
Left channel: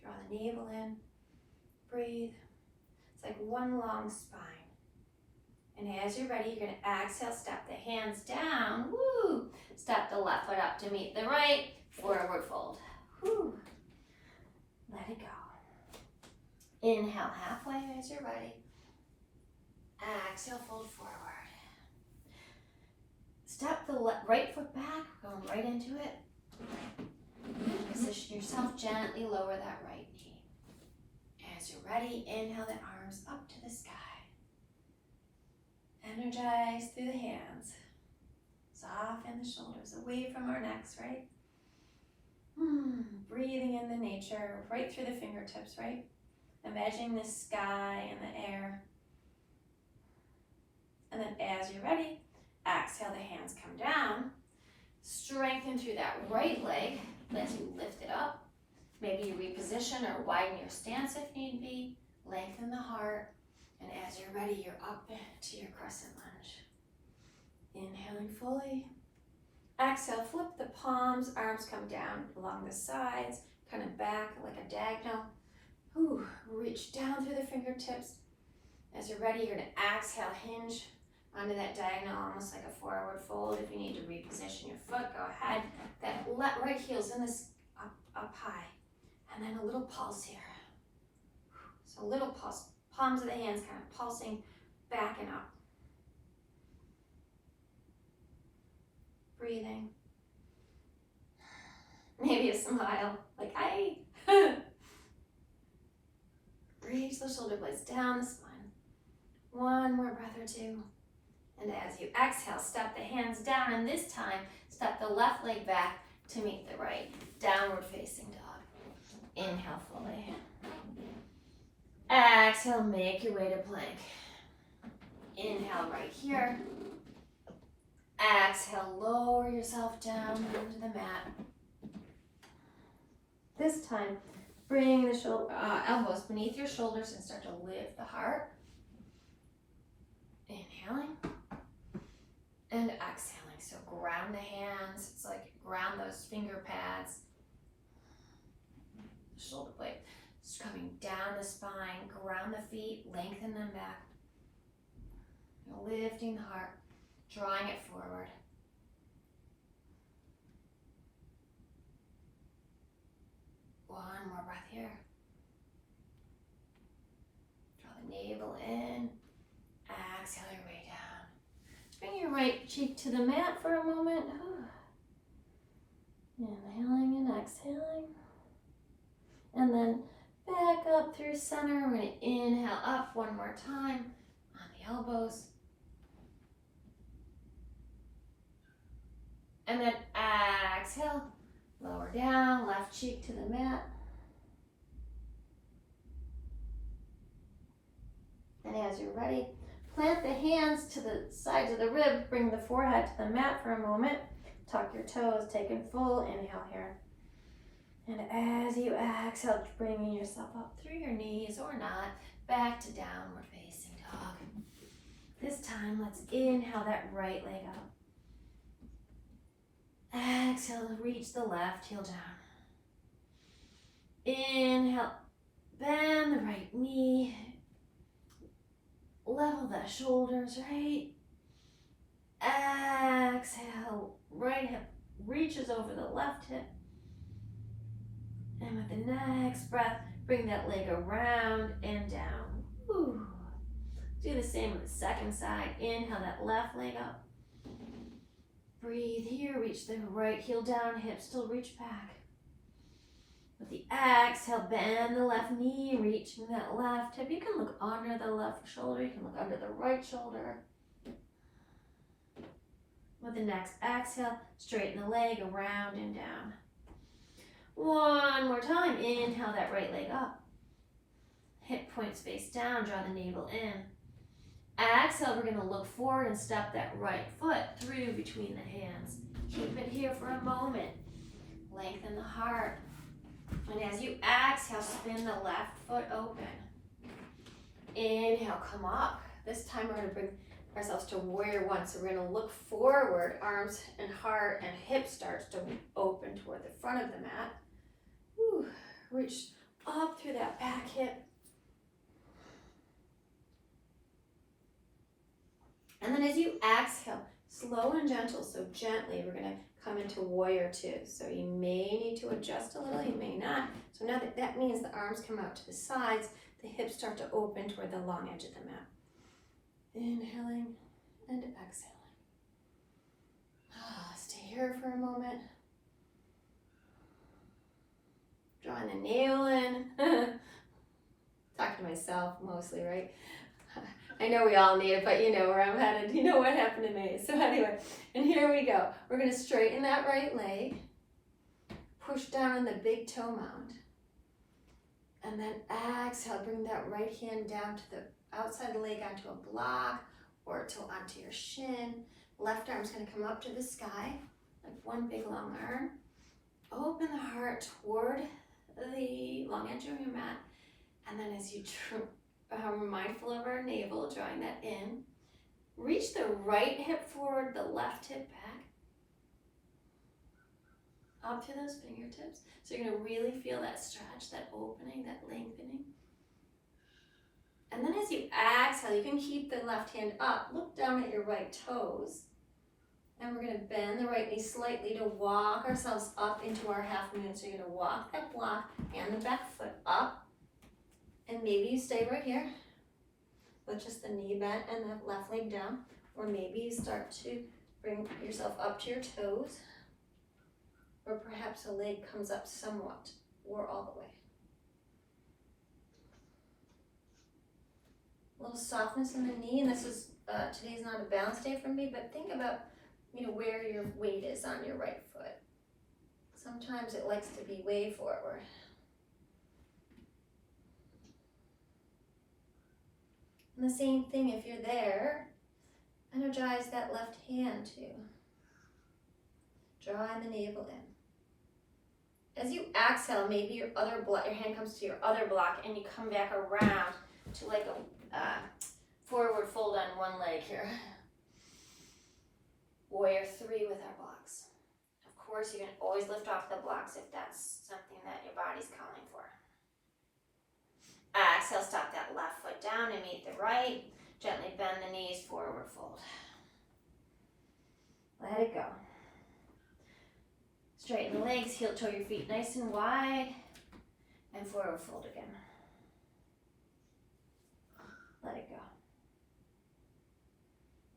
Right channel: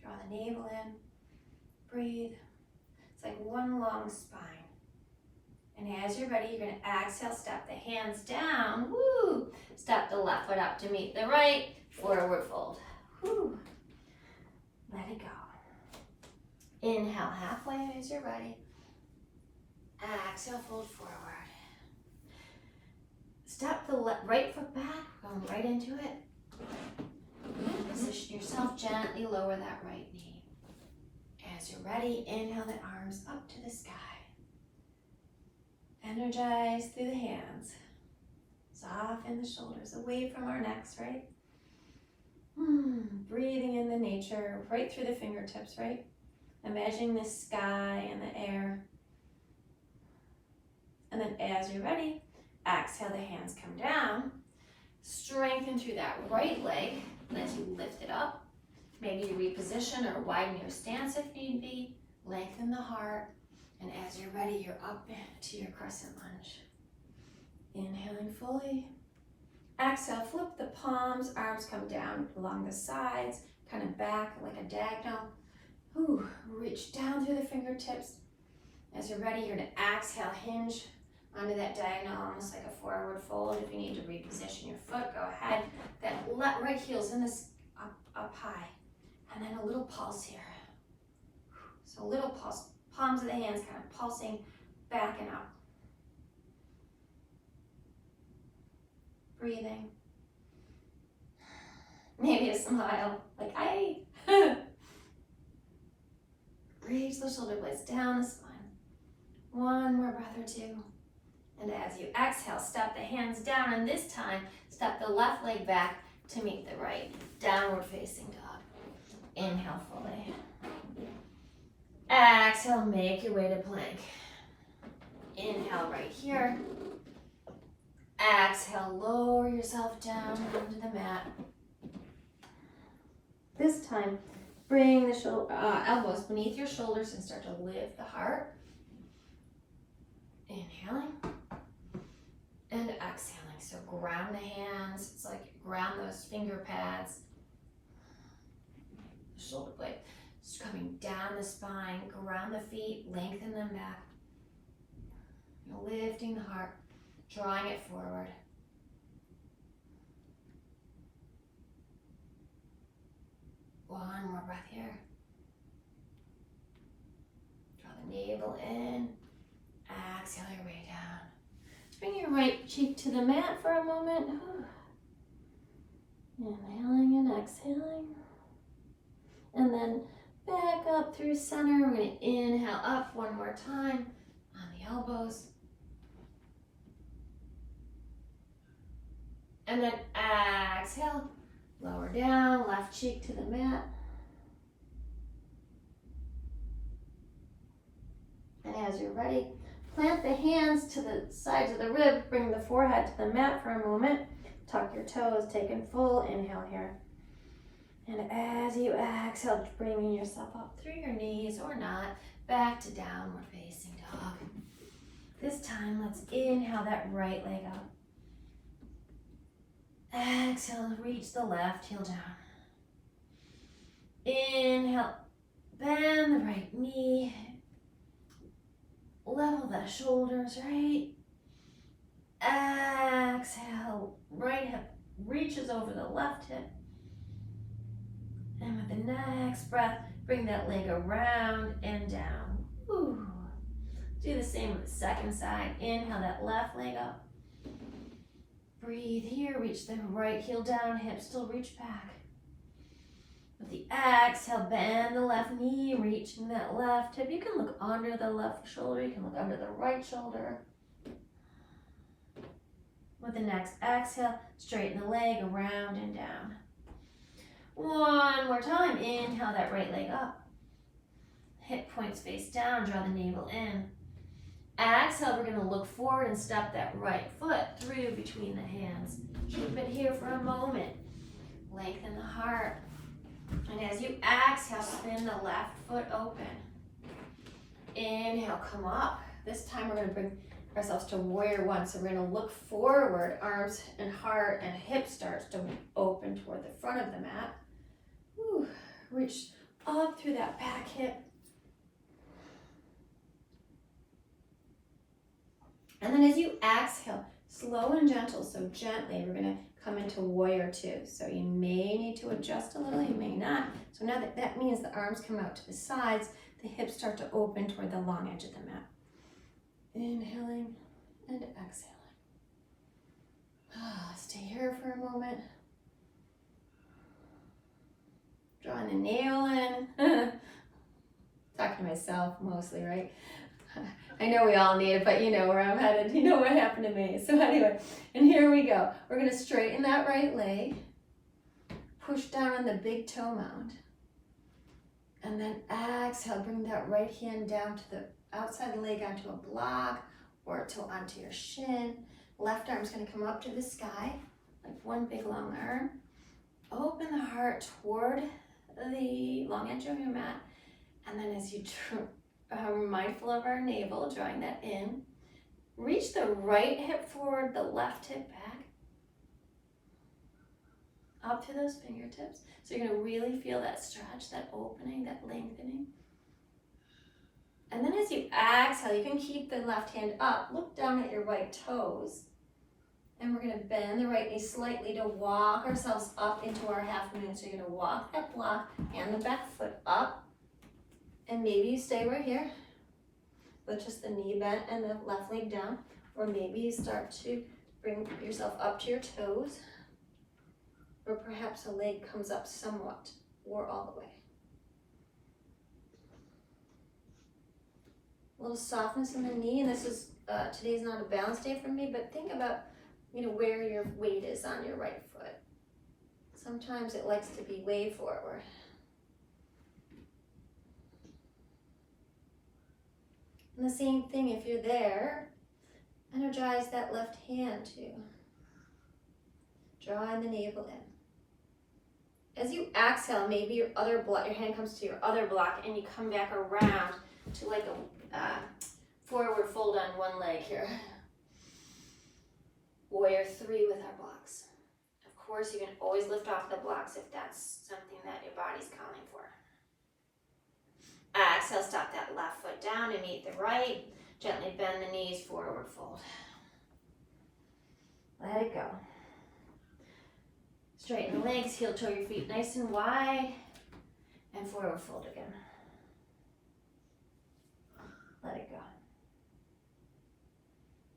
Draw the navel in, breathe. It's like one long spine. And as you're ready, you're gonna exhale, step the hands down, woo! Step the left foot up to meet the right, forward fold, woo! Let it go. Inhale halfway as you're ready. Exhale, fold forward. Step the right foot back, going right into it. Position yourself, gently lower that right knee. As you're ready, inhale the arms up to the sky. Energize through the hands. Soften the shoulders away from our necks, right? Breathing in the nature, right through the fingertips, right? Imagining the sky and the air. as you're ready, exhale, the hands come down. Strengthen through that right leg as you lift it up. Maybe you reposition or widen your stance if need be. Lengthen the heart. And as you're ready, you're up into your crescent lunge. Inhaling fully. Exhale, flip the palms, arms come down along the sides, kind of back like a diagonal. Ooh, reach down through the fingertips. As you're ready, you're gonna exhale, hinge onto that diagonal, almost like a forward fold. If you need to reposition your foot, go ahead. That right heel's in this up high. And then a little pulse here. So a little pulse, palms of the hands kind of pulsing back and up. Breathing. Maybe a smile, like hi. Reach the shoulder blades down the spine. One more breath or two. And as you exhale, step the hands down, and this time, step the left leg back to meet the right. Downward facing dog. Inhale fully. Exhale, make your way to plank. Inhale right here. Exhale, lower yourself down onto the mat. This time, bring the elbows beneath your shoulders and start to lift the heart. Inhaling and exhaling. So ground the hands. It's like ground those finger pads. Shoulder blade. Just coming down the spine. Ground the feet. Lengthen them back. Lifting the heart. Drawing it forward. One more breath here. Draw the navel in. Exhale your way down. Bring your right cheek to the mat for a moment. Inhaling and exhaling. And then back up through center. We're going to inhale up one more time on the elbows. And then exhale, lower down, left cheek to the mat. And as you're ready, plant the hands to the sides of the rib, bring the forehead to the mat for a moment. Tuck your toes, take a full inhale here. And as you exhale, bringing yourself up through your knees or not, back to downward facing dog. This time, let's inhale that right leg up. Exhale, reach the left heel down. Inhale, bend the right knee. Level the shoulders, right? Exhale, right hip reaches over the left hip. And with the next breath, bring that leg around and down. Ooh. Do the same with the second side. Inhale that left leg up. Breathe here, reach the right heel down, hips still reach back. With the exhale, bend the left knee, reaching that left hip. You can look under the left shoulder, you can look under the right shoulder. With the next exhale, straighten the leg around and down. One more time, inhale that right leg up. Hip points face down, draw the navel in. Exhale, we're going to look forward and step that right foot through between the hands. Keep it here for a moment. Lengthen the heart. And as you exhale, spin the left foot open. Inhale, come up. This time we're going to bring ourselves to warrior one. So we're going to look forward, arms and heart and hip starts to open toward the front of the mat. Whew. Reach up through that back hip. And then as you exhale, slow and gentle, so gently, we're going to come into warrior two. So you may need to adjust a little, you may not. So now that means the arms come out to the sides, the hips start to open toward the long edge of the mat. Inhaling and exhaling. Stay here for a moment. Drawing the navel in. Talking to myself mostly, right? I know we all need it, but you know where I'm headed. You know what happened to me. So anyway, and here we go. We're going to straighten that right leg. Push down on the big toe mound. And then exhale, bring that right hand down to the outside leg onto a block or toe onto your shin. Left arm's gonna come up to the sky, like one big long arm. Open the heart toward the long edge of your mat. And then as you are mindful of our navel, drawing that in, reach the right hip forward, the left hip back, up to those fingertips. So you're gonna really feel that stretch, that opening, that lengthening. And then as you exhale, you can keep the left hand up, look down at your right toes. And we're gonna bend the right knee slightly to walk ourselves up into our half moon. So you're gonna walk that block and the back foot up. And maybe you stay right here with just the knee bent and the left leg down. Or maybe you start to bring yourself up to your toes. Or perhaps a leg comes up somewhat or all the way. A little softness in the knee, and this is, today's not a balance day for me, but think about, where your weight is on your right foot. Sometimes it likes to be way forward. And the same thing, if you're there, energize that left hand too. Drawing the navel in. As you exhale, maybe your hand comes to your other block and you come back around to like a forward fold on one leg here. Warrior 3 with our blocks. Of course, you can always lift off the blocks if that's something that your body's calling for. Exhale, stop that left foot down and meet the right. Gently bend the knees, forward fold. Let it go. Straighten the legs, heel toe your feet nice and wide, and forward fold again. Let it go.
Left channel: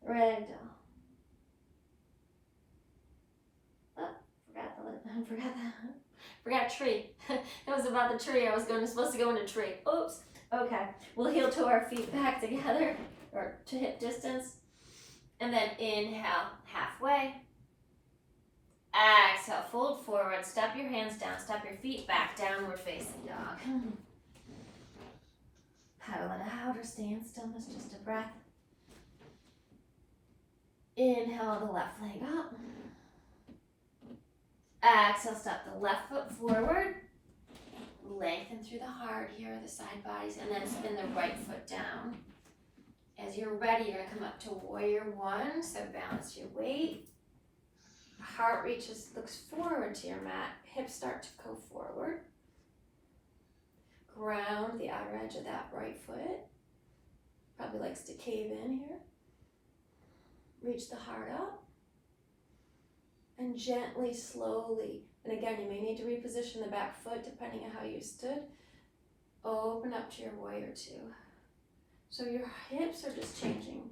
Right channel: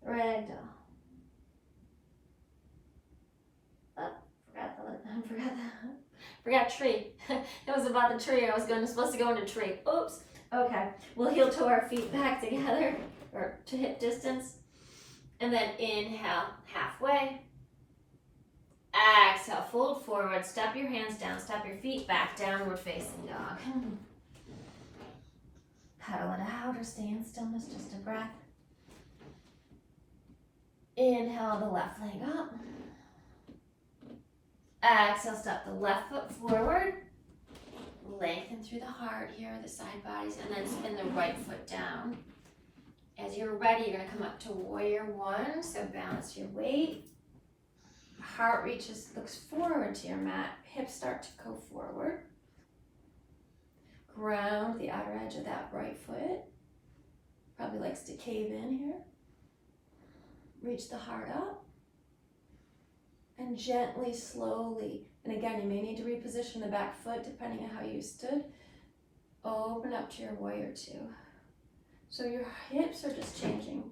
Ragdoll. Forgot tree. It was about the tree. I was supposed to go into tree. Oops. Okay. We'll heel toe our feet back together, or to hip distance. And then inhale halfway. Exhale, fold forward, step your hands down, step your feet back, downward facing dog. Paddle it out or stay in stillness, just a breath. Inhale the left leg up. Exhale, step the left foot forward. Lengthen through the heart here, the side bodies, and then spin the right foot down. As you're ready, you're gonna come up to warrior 1, so balance your weight. Heart looks forward to your mat, hips start to go forward. Ground the outer edge of that right foot. Probably likes to cave in here. Reach the heart up. And gently, slowly, and again, you may need to reposition the back foot depending on how you stood. Open up to your warrior 2. So your hips are just changing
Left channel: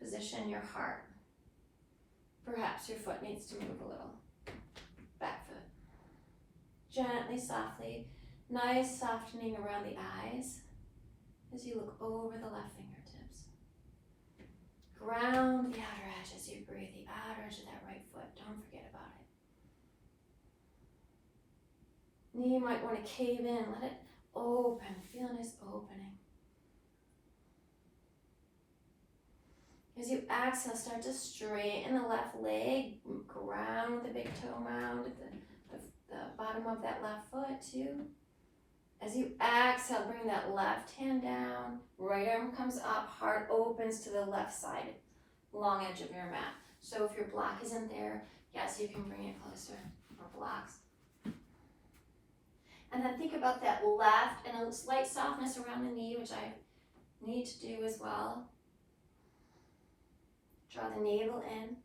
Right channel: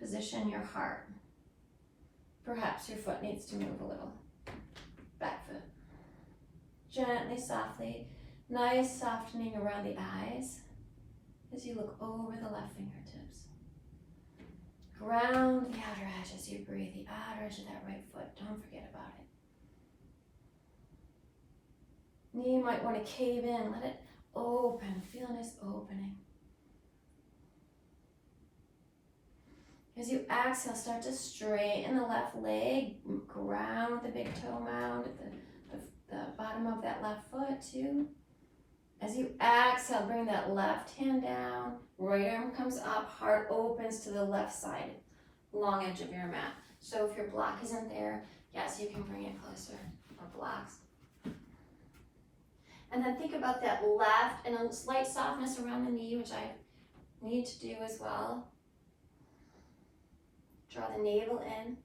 position, your heart. Perhaps your foot needs to move a little. Back foot. Gently, softly, nice softening around the eyes as you look over the left fingertips. Ground the outer edge as you breathe, the outer edge of that right foot. Don't forget about it. Knee might want to cave in, let it open, feel a nice opening. As you exhale, start to straighten the left leg, ground the big toe mound at the bottom of that left foot too. As you exhale, bring that left hand down, right arm comes up, heart opens to the left side, long edge of your mat. So if your block isn't there, yes, you can bring it closer, or blocks. And then think about that left and a slight softness around the knee, which I need to do as well. Draw the navel in.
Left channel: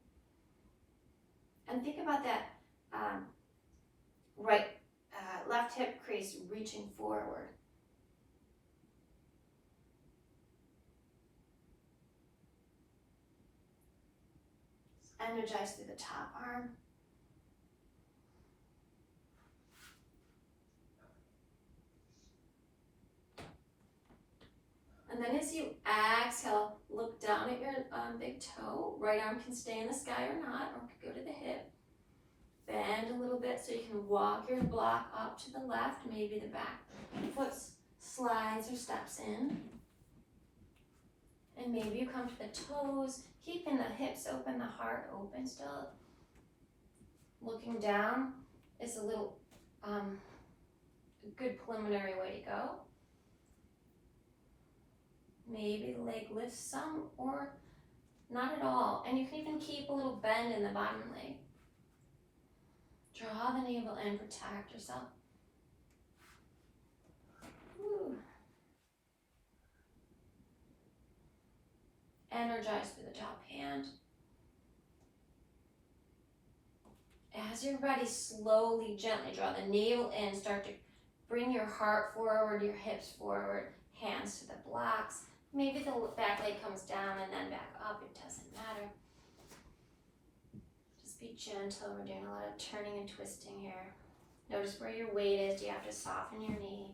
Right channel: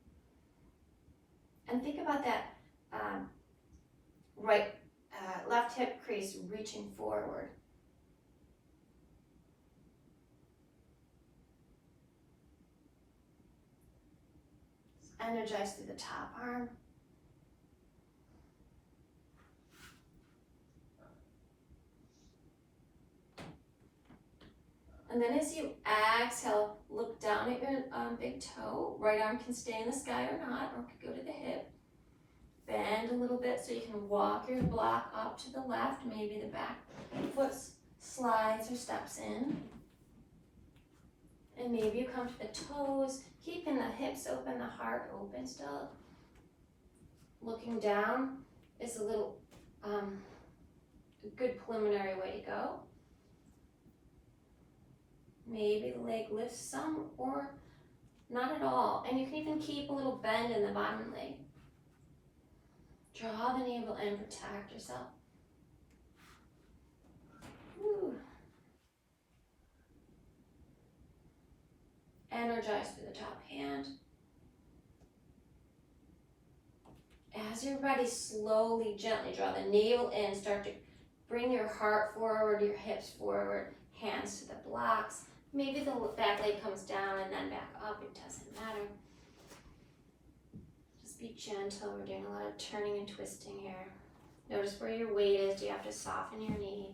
And think about that left hip crease reaching forward. Energize through the top arm. And then as you exhale, look down at your big toe. Right arm can stay in the sky or not, or could go to the hip. Bend a little bit so you can walk your block up to the left. Maybe the back foot slides or steps in. And maybe you come to the toes, keeping the hips open, the heart open still. Looking down is a little good preliminary way to go. Maybe the leg lifts some or not at all. And you can even keep a little bend in the bottom leg. Draw the navel in, protect yourself. Woo. Energize through the top hand. As you're ready, slowly, gently draw the navel in. Start to bring your heart forward, your hips forward, hands to the blocks. Maybe the back leg comes down and then back up. It doesn't matter. Just be gentle. We're doing a lot of turning and twisting here. Notice where your weight is. Do you have to soften your knee?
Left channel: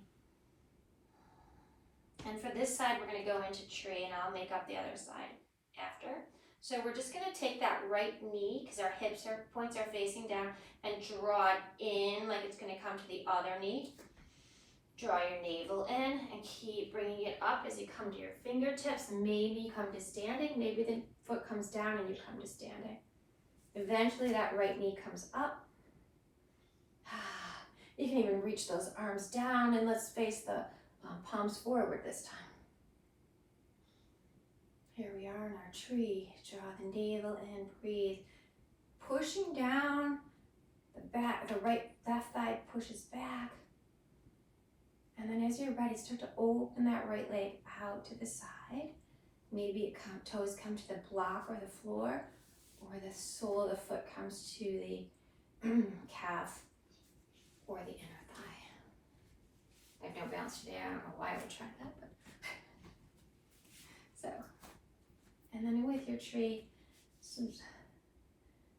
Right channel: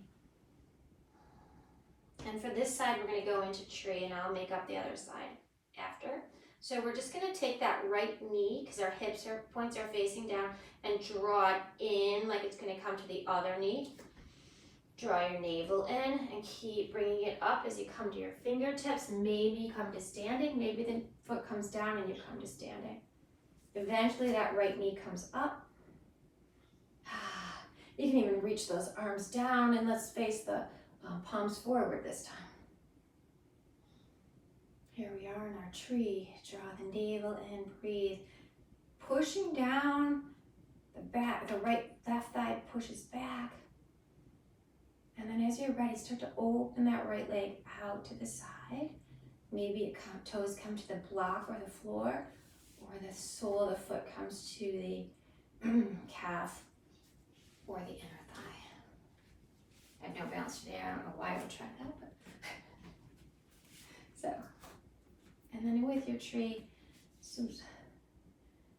And for this side, we're going to go into tree, and I'll make up the other side after. So we're just going to take that right knee, because our points are facing down, and draw it in like it's going to come to the other knee. Draw your navel in and keep bringing it up as you come to your fingertips. Maybe you come to standing. Maybe the foot comes down and you come to standing. Eventually that right knee comes up. You can even reach those arms down, and let's face the palms forward this time. Here we are in our tree. Draw the navel in, breathe. Pushing down the back, left thigh pushes back. And then as you're ready, start to open that right leg out to the side. Maybe toes come to the block or the floor, or the sole of the foot comes to the calf or the inner thigh. I have no balance today. I don't know why I would try that, but so. And then with your tree,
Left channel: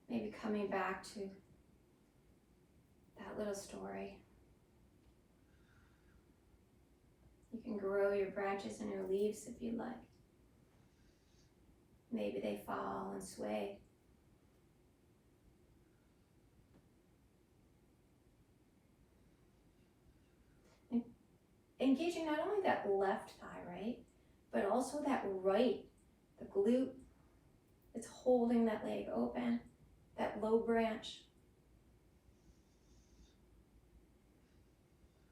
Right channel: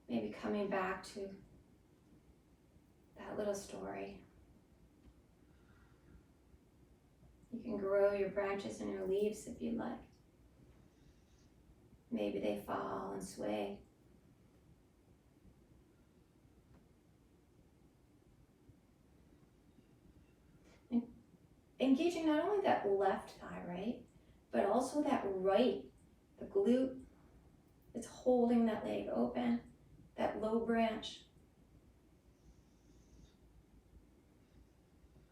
maybe coming back to that little story. You can grow your branches and your leaves if you'd like. Maybe they fall and sway. And engaging not only that left thigh, right, but also that right, the glute. It's holding that leg open, that low branch.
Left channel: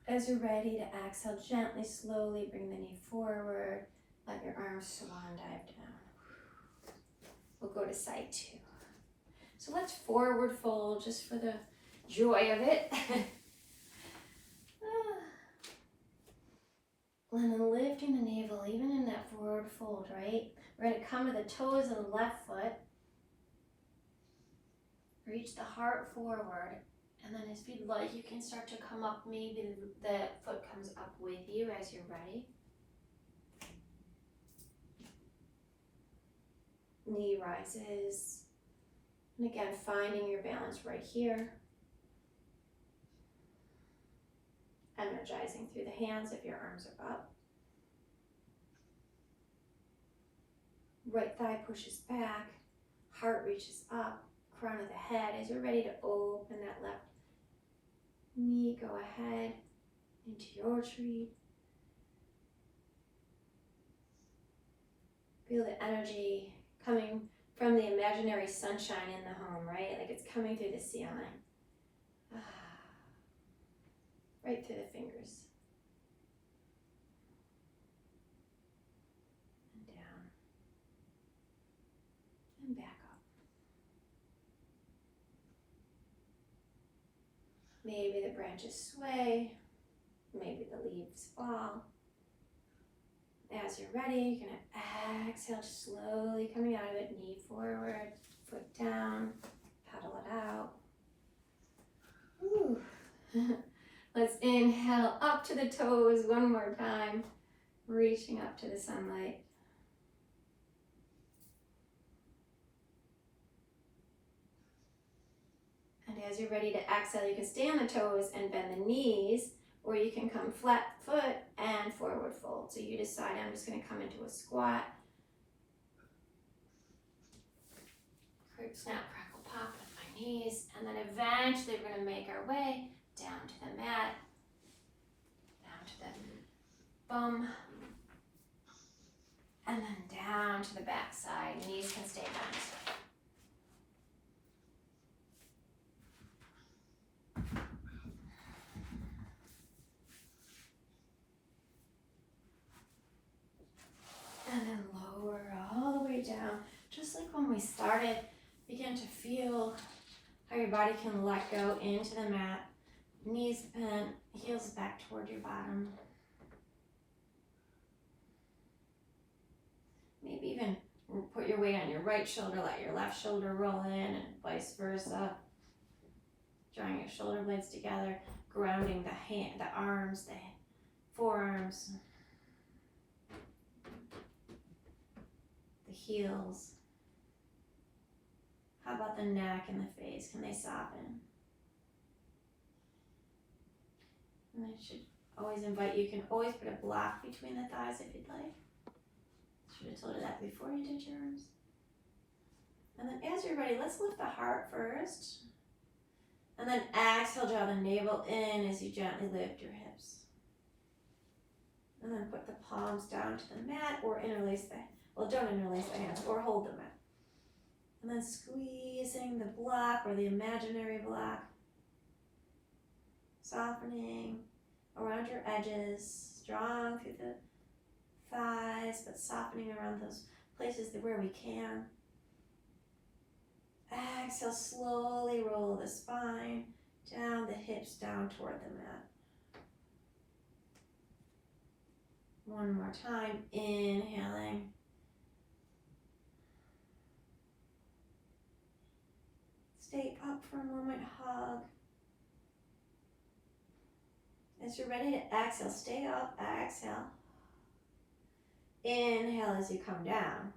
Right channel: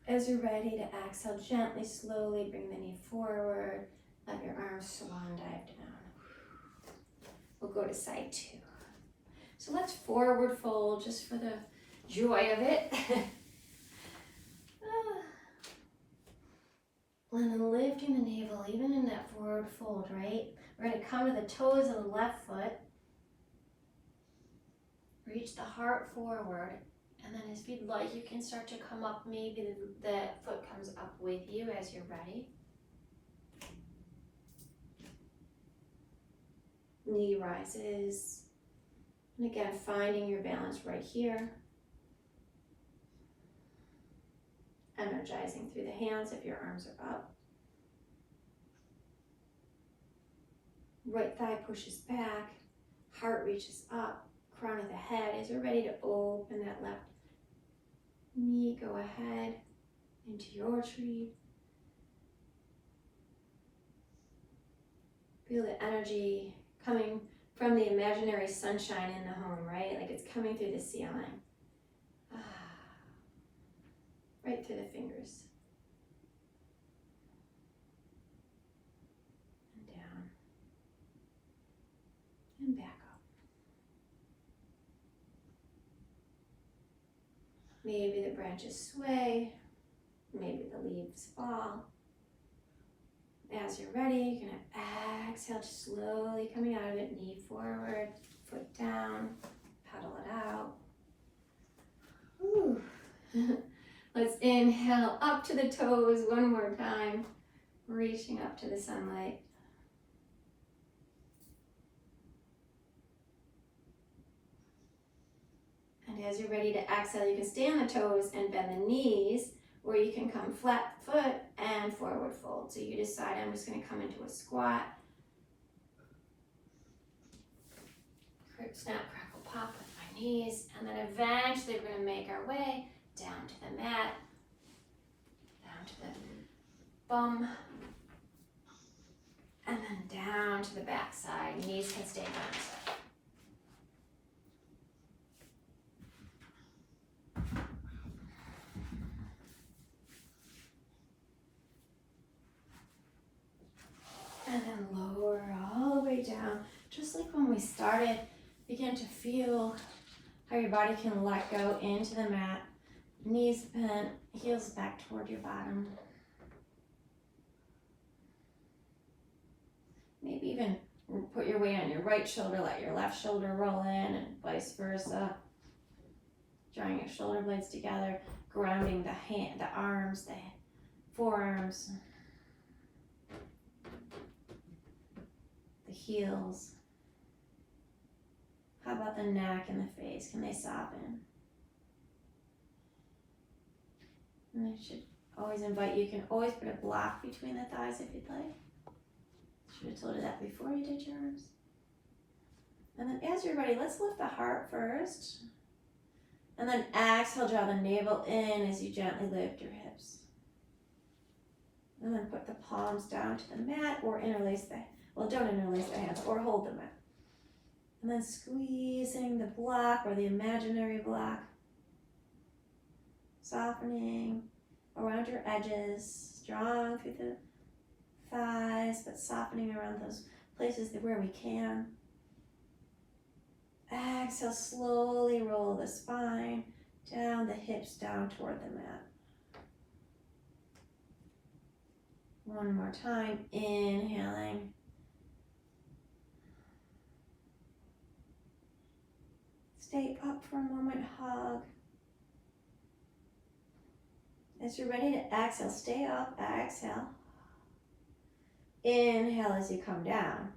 As you're ready to exhale, gently, slowly bring the knee forward. Let your arms swan dive down. We'll go to side two. So let's forward fold just for the joy of it. And then lifting the navel, even in that forward fold, right? We're going to come to the toes of the left foot. Reach the heart forward. And then if you'd like, you can start to come up. Maybe the foot comes up with you as you're ready. Knee rises. And again, finding your balance right here. Energizing through the hands if your arms are up. Right thigh pushes back. Heart reaches up. Crown of the head. As you're ready to open that left knee, go ahead into your tree. Feel the energy coming from the imaginary sunshine in the home, right? Like it's coming through the ceiling. Right through the fingers. And down. And back up. Maybe the branches sway. Maybe the leaves fall. As you're ready, you're going to exhale, just slowly coming out of it. Knee forward, foot down, pedal it out. Ooh. Let's inhale up to the toes one more time, reaching up to the sunlight. And as you're ready to exhale, you can stay on the toes and bend the knees, or you can come flat foot and forward fold. So you decide. I'm just going to come into a squat. Snap, crackle, pop with my knees. And then eventually we're going to make our way down to the mat, down to the bum, and then down to the back side. Knees can stay bent. And then lower all the way down, just like when we started. Begin to feel how your body can let go into the mat. Knees bent, heels back toward your bottom. Maybe even put your weight on your right shoulder, let your left shoulder roll in, and vice versa. Drawing your shoulder blades together, grounding the arms, the forearms, the heels. How about the neck and the face? Can they soften? And I should always invite you can always put a block between the thighs if you'd like. Should have told you that before you did your arms. And then as you're ready, let's lift the heart first. And then exhale, draw the navel in as you gently lift your hips. And then put the palms down to the mat or interlace don't interlace the hands or hold the mat. And then squeezing the block or the imaginary block. Softening around your edges, strong through the thighs, but softening around those places where we can. Exhale, slowly roll the spine down, the hips down toward the mat. One more time, inhaling. Stay up for a moment, hug. As you're ready to exhale, stay up, exhale. Inhale as you come down.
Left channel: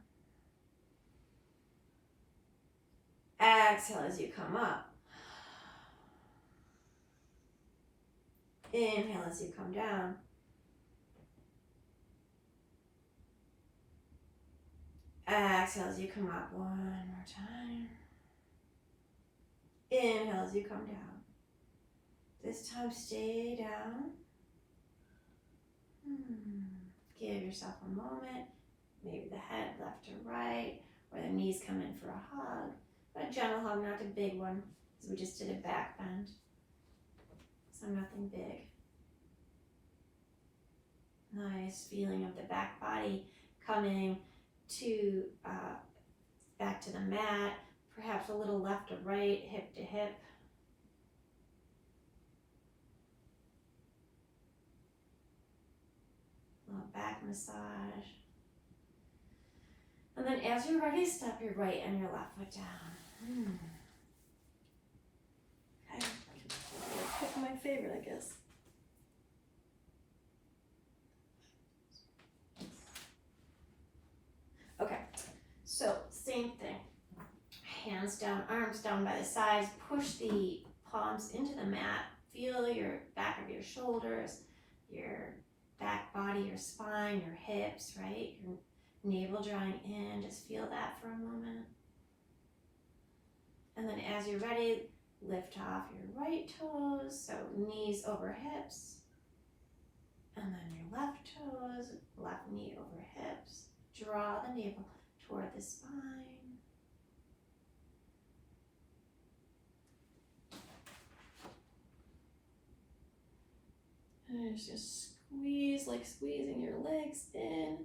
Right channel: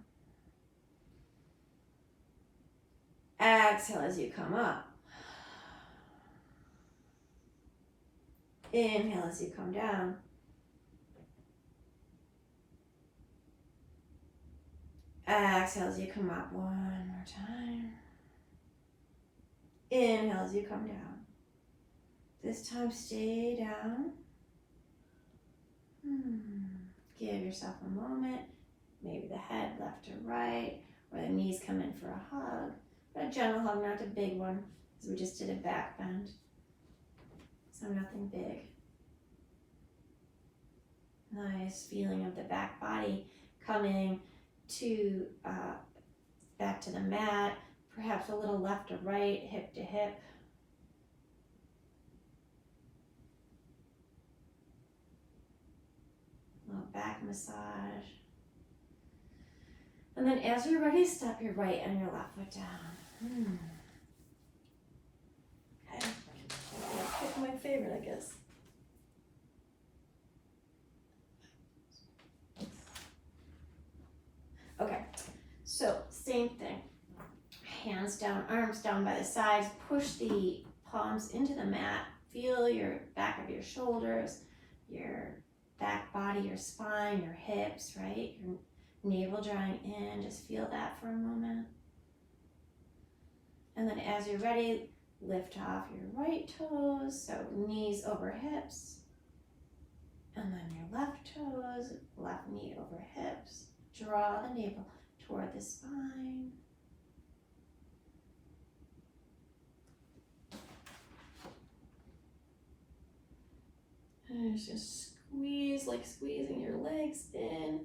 Exhale as you come up. Inhale as you come down. Exhale as you come up. One more time. Inhale as you come down. This time stay down. Give yourself a moment. Maybe the head left to right, or the knees come in for a hug. But a gentle hug, not a big one, because we just did a back bend. So nothing big. Nice feeling of the back body coming to back to the mat. Perhaps a little left to right, hip to hip. A little back massage. And then as you're ready, step your right and your left foot down. Okay, pick my favorite, I guess. Okay, so same thing. Hands down, arms down by the sides. Push the palms into the mat. Feel your back of your shoulders, your back body, your spine, your hips, right? Your navel drawing in. Just feel that for a moment. And then as you're ready, lift off your right toes. So knees over hips. And then your left toes, left knee over hips. Draw the navel toward the spine. And just squeeze, like squeezing your legs in,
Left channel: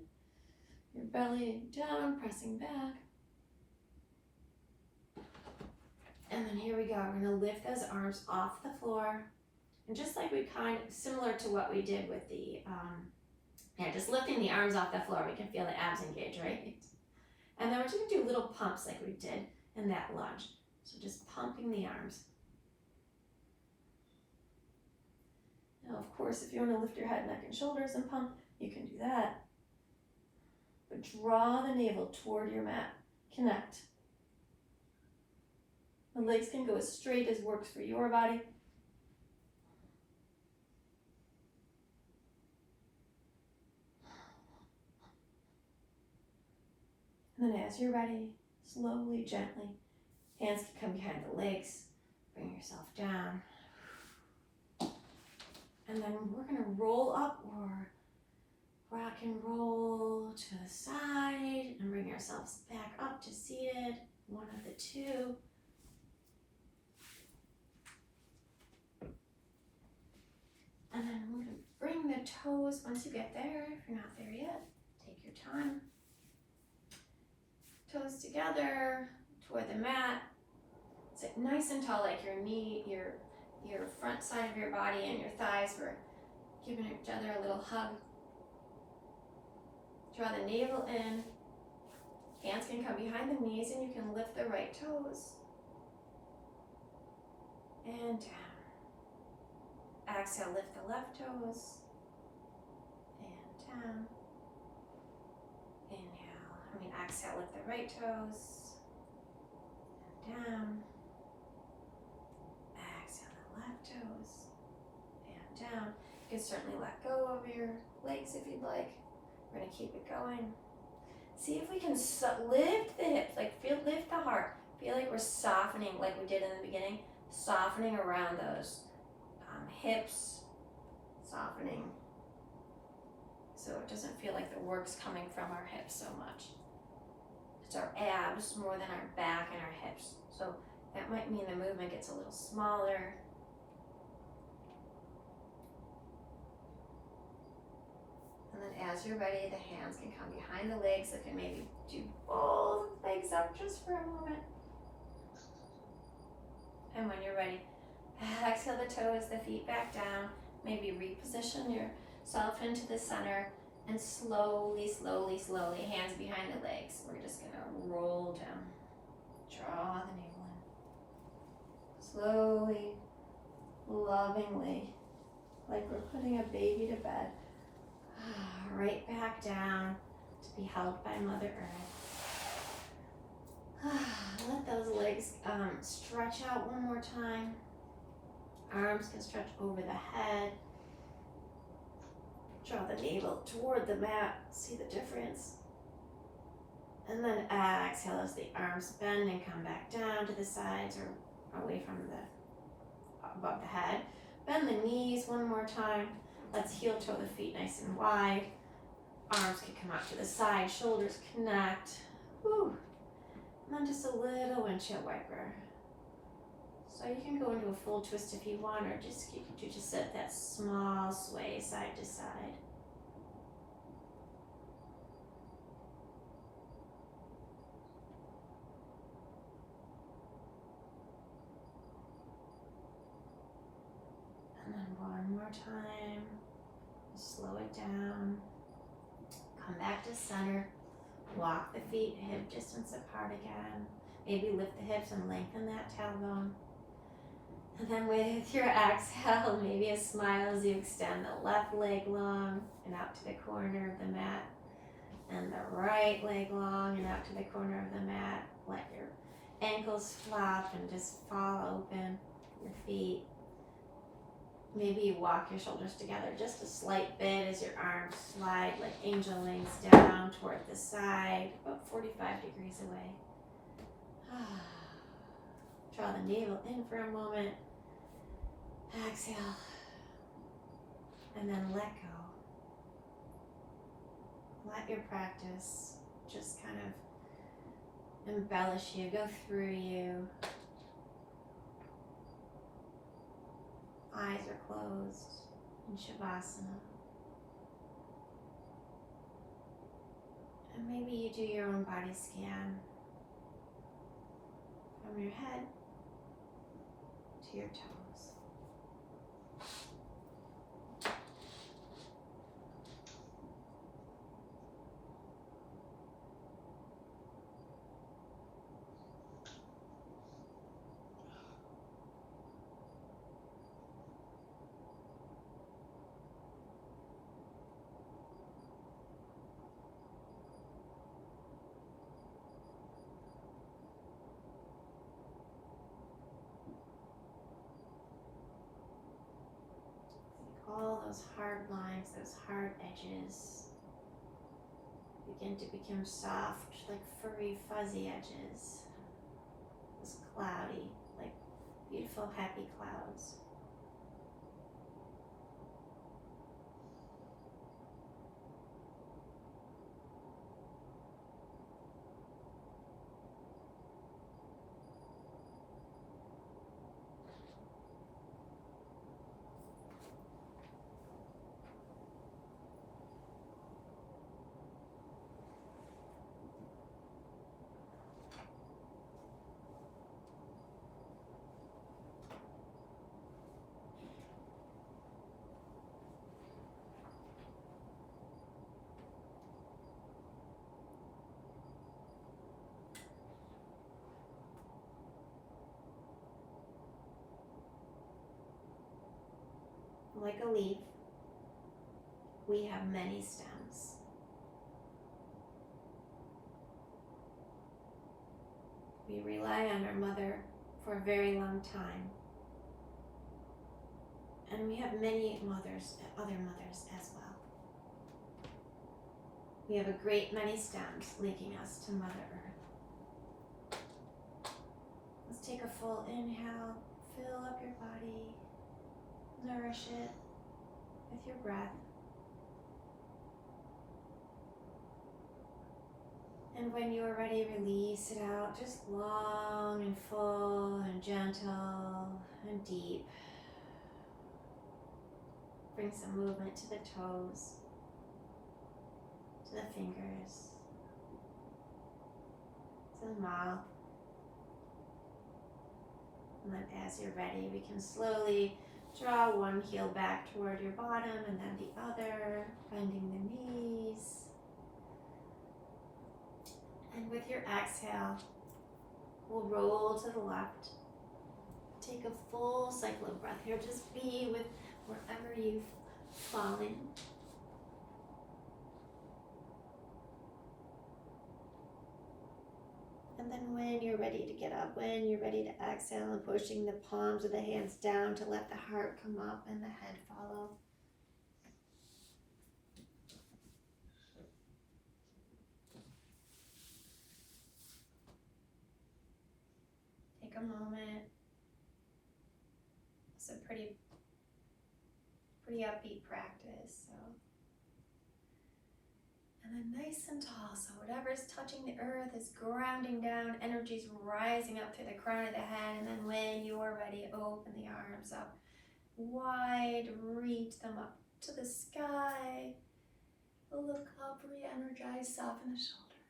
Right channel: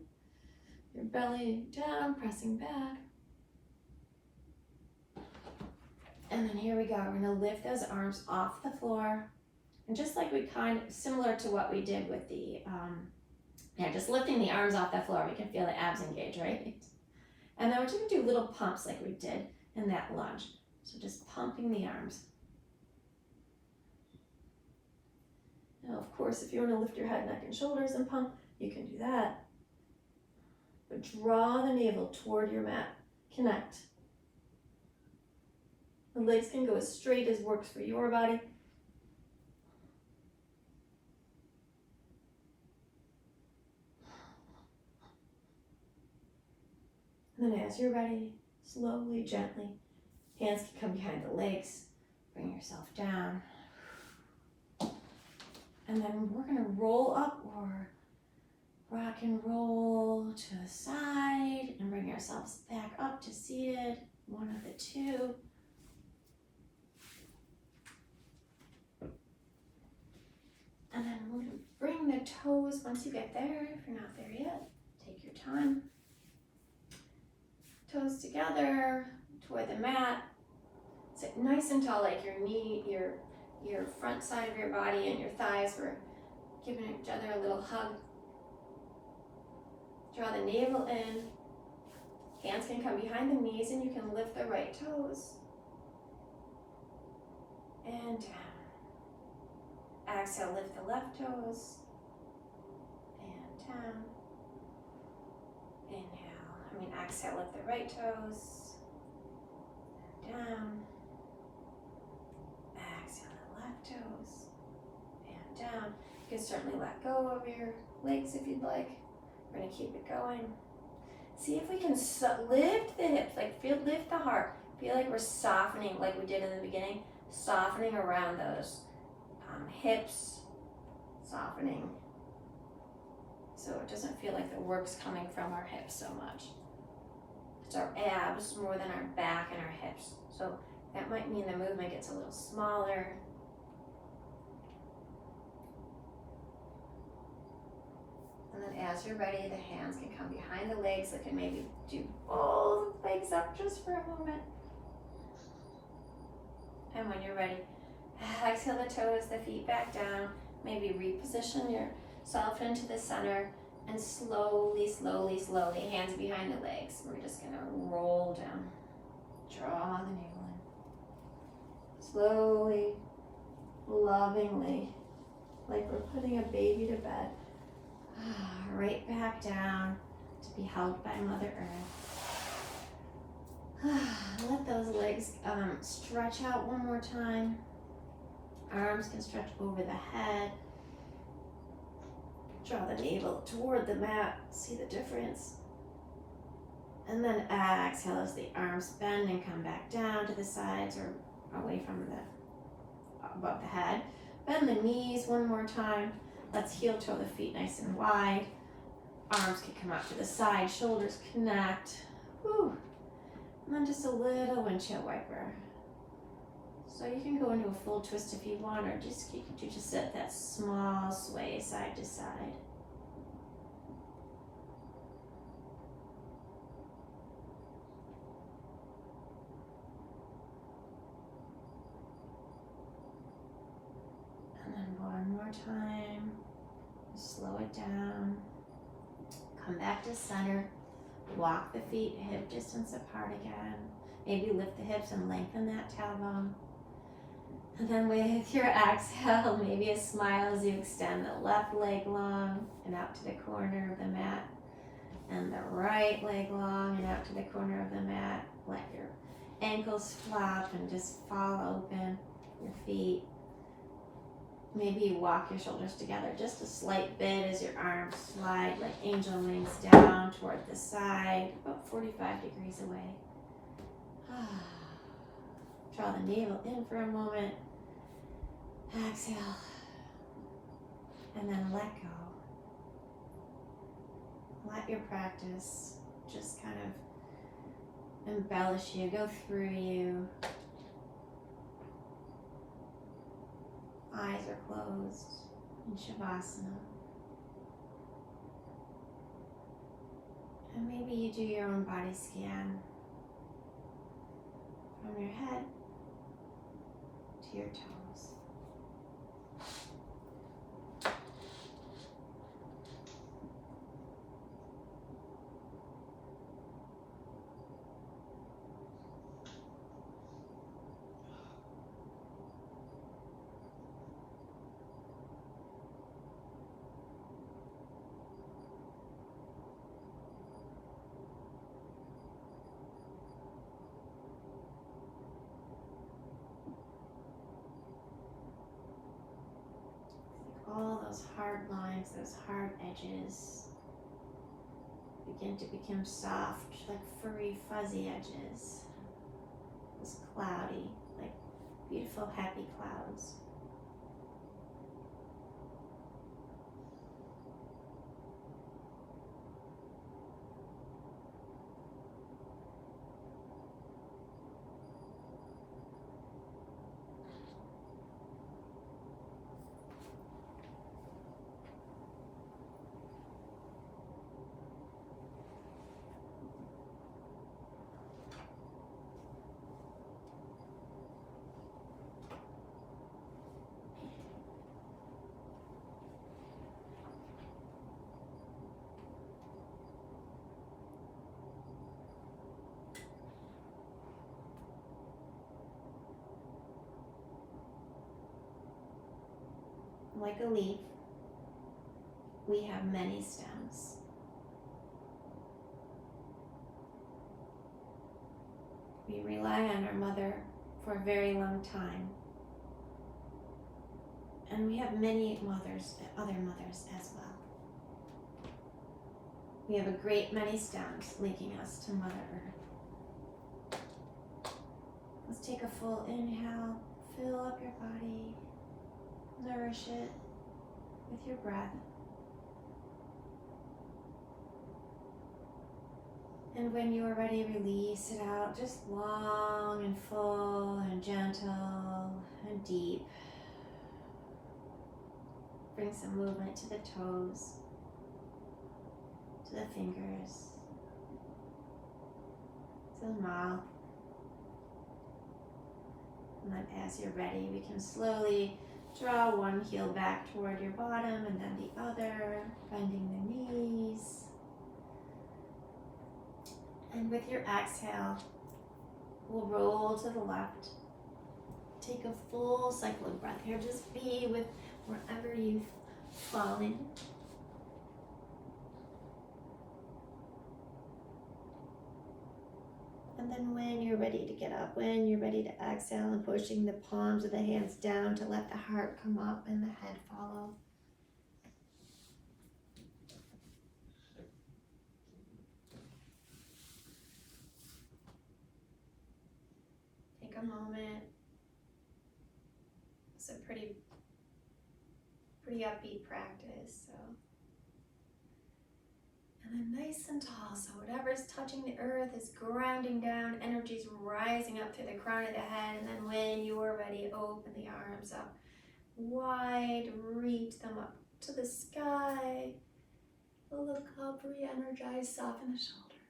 your belly down, pressing back. And then here we go. We're gonna lift those arms off the floor. And just like we similar to what we did with the, just lifting the arms off the floor, we can feel the abs engage, right? And then we're just gonna do little pumps like we did in that lunge. So just pumping the arms. Now, of course, if you want to lift your head, neck, and shoulders and pump, you can do that. But draw the navel toward your mat. Connect. The legs can go as straight as works for your body. And then as you're ready, slowly, gently, hands can come behind the legs. Bring yourself down. And then we're gonna roll up or rock and roll to the side and bring ourselves back up to seated, one of the two. And then we're gonna bring the toes, once you get there, if you're not there yet, take your time. Toes together toward the mat. Sit nice and tall, like your knee, your front side of your body and your thighs were giving each other a little hug. Draw the navel in. Hands can come behind the knees and you can lift the right toes. And down. Exhale, lift the left toes. And down. Exhale, lift the right toes. And down. Exhale, the left toes. And down. You can certainly let go of your legs if you'd like. We're going to keep it going. See if we can lift the hips, lift the heart. Feel like we're softening, like we did in the beginning, softening around those hips, softening. So it doesn't feel like the work's coming from our hips so much. It's our abs more than our back and our hips. So that might mean the movement gets a little smaller. And then as you're ready, the hands can come behind the legs. They can maybe do both legs up just for a moment. And when you're ready, exhale the toes, the feet back down. Maybe reposition yourself into the center and slowly, slowly, slowly, hands behind the legs. We're just gonna roll down. Draw the navel in. Slowly, lovingly, like we're putting a baby to bed. Right back down to be held by Mother Earth. Let those legs stretch out one more time. Arms can stretch over the head. Draw the navel toward the mat. See the difference. And then exhale as the arms bend and come back down to the sides or away from above the head. Bend the knees one more time. Let's heel toe the feet nice and wide. Arms can come out to the side, shoulders connect. Whew. And then just a little windshield wiper. So you can go into a full twist if you want, or just you can just set that small sway side to side. And then one more time. Slow it down. Come back to center. Walk the feet hip distance apart again. Maybe lift the hips and lengthen that tailbone. And then with your exhale, maybe a smile as you extend the left leg long and out to the corner of the mat. And the right leg long and out to the corner of the mat. Let your ankles flop and just fall open, your feet. Maybe you walk your shoulders together just a slight bit as your arms slide like angel wings down toward the side, about 45 degrees away. Draw the navel in for a moment. Exhale. And then let go. Let your practice just kind of embellish you, go through you. Eyes are closed in Shavasana. And maybe you do your own body scan from your head to your toes. All those hard lines, those hard edges begin to become soft, like furry, fuzzy edges. Those cloudy, like beautiful, happy clouds. like a leaf, we have many stems. We rely on our mother for a very long time. And we have many mothers, other mothers as well. We have a great many stems linking us to Mother Earth. Let's take a full inhale, fill up your body, nourish it with your breath. And when you are ready, release it out, just long and full and gentle and deep. Bring some movement to the toes, to the fingers, to the mouth. And then as you're ready, we can slowly draw one heel back toward your bottom and then the other, bending the knees. And with your exhale, we'll roll to the left. Take a full cycle of breath here. Just be with wherever you've fallen. And then when you're ready to get up, when you're ready to exhale, and pushing the palms of the hands down to let the heart come up and the head follow. Take a moment. It's a pretty upbeat practice, so. And then nice and tall, so whatever's touching the earth is grounding down, energy's rising up through the crown of the head, and then when you are ready, open the arms up wide, reach them up to the sky. Look up, re-energize, soften the shoulders.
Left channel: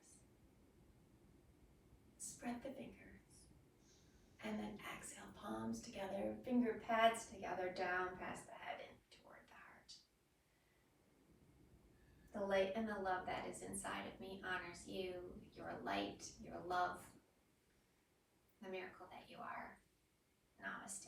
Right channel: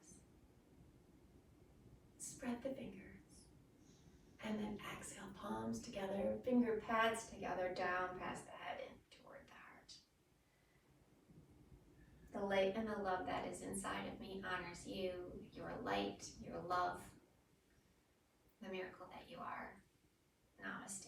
Spread the fingers. And then exhale, palms together, finger pads together, down past the head and toward the heart. The light and the love that is inside of me honors you, your light, your love, the miracle that you are. Namaste.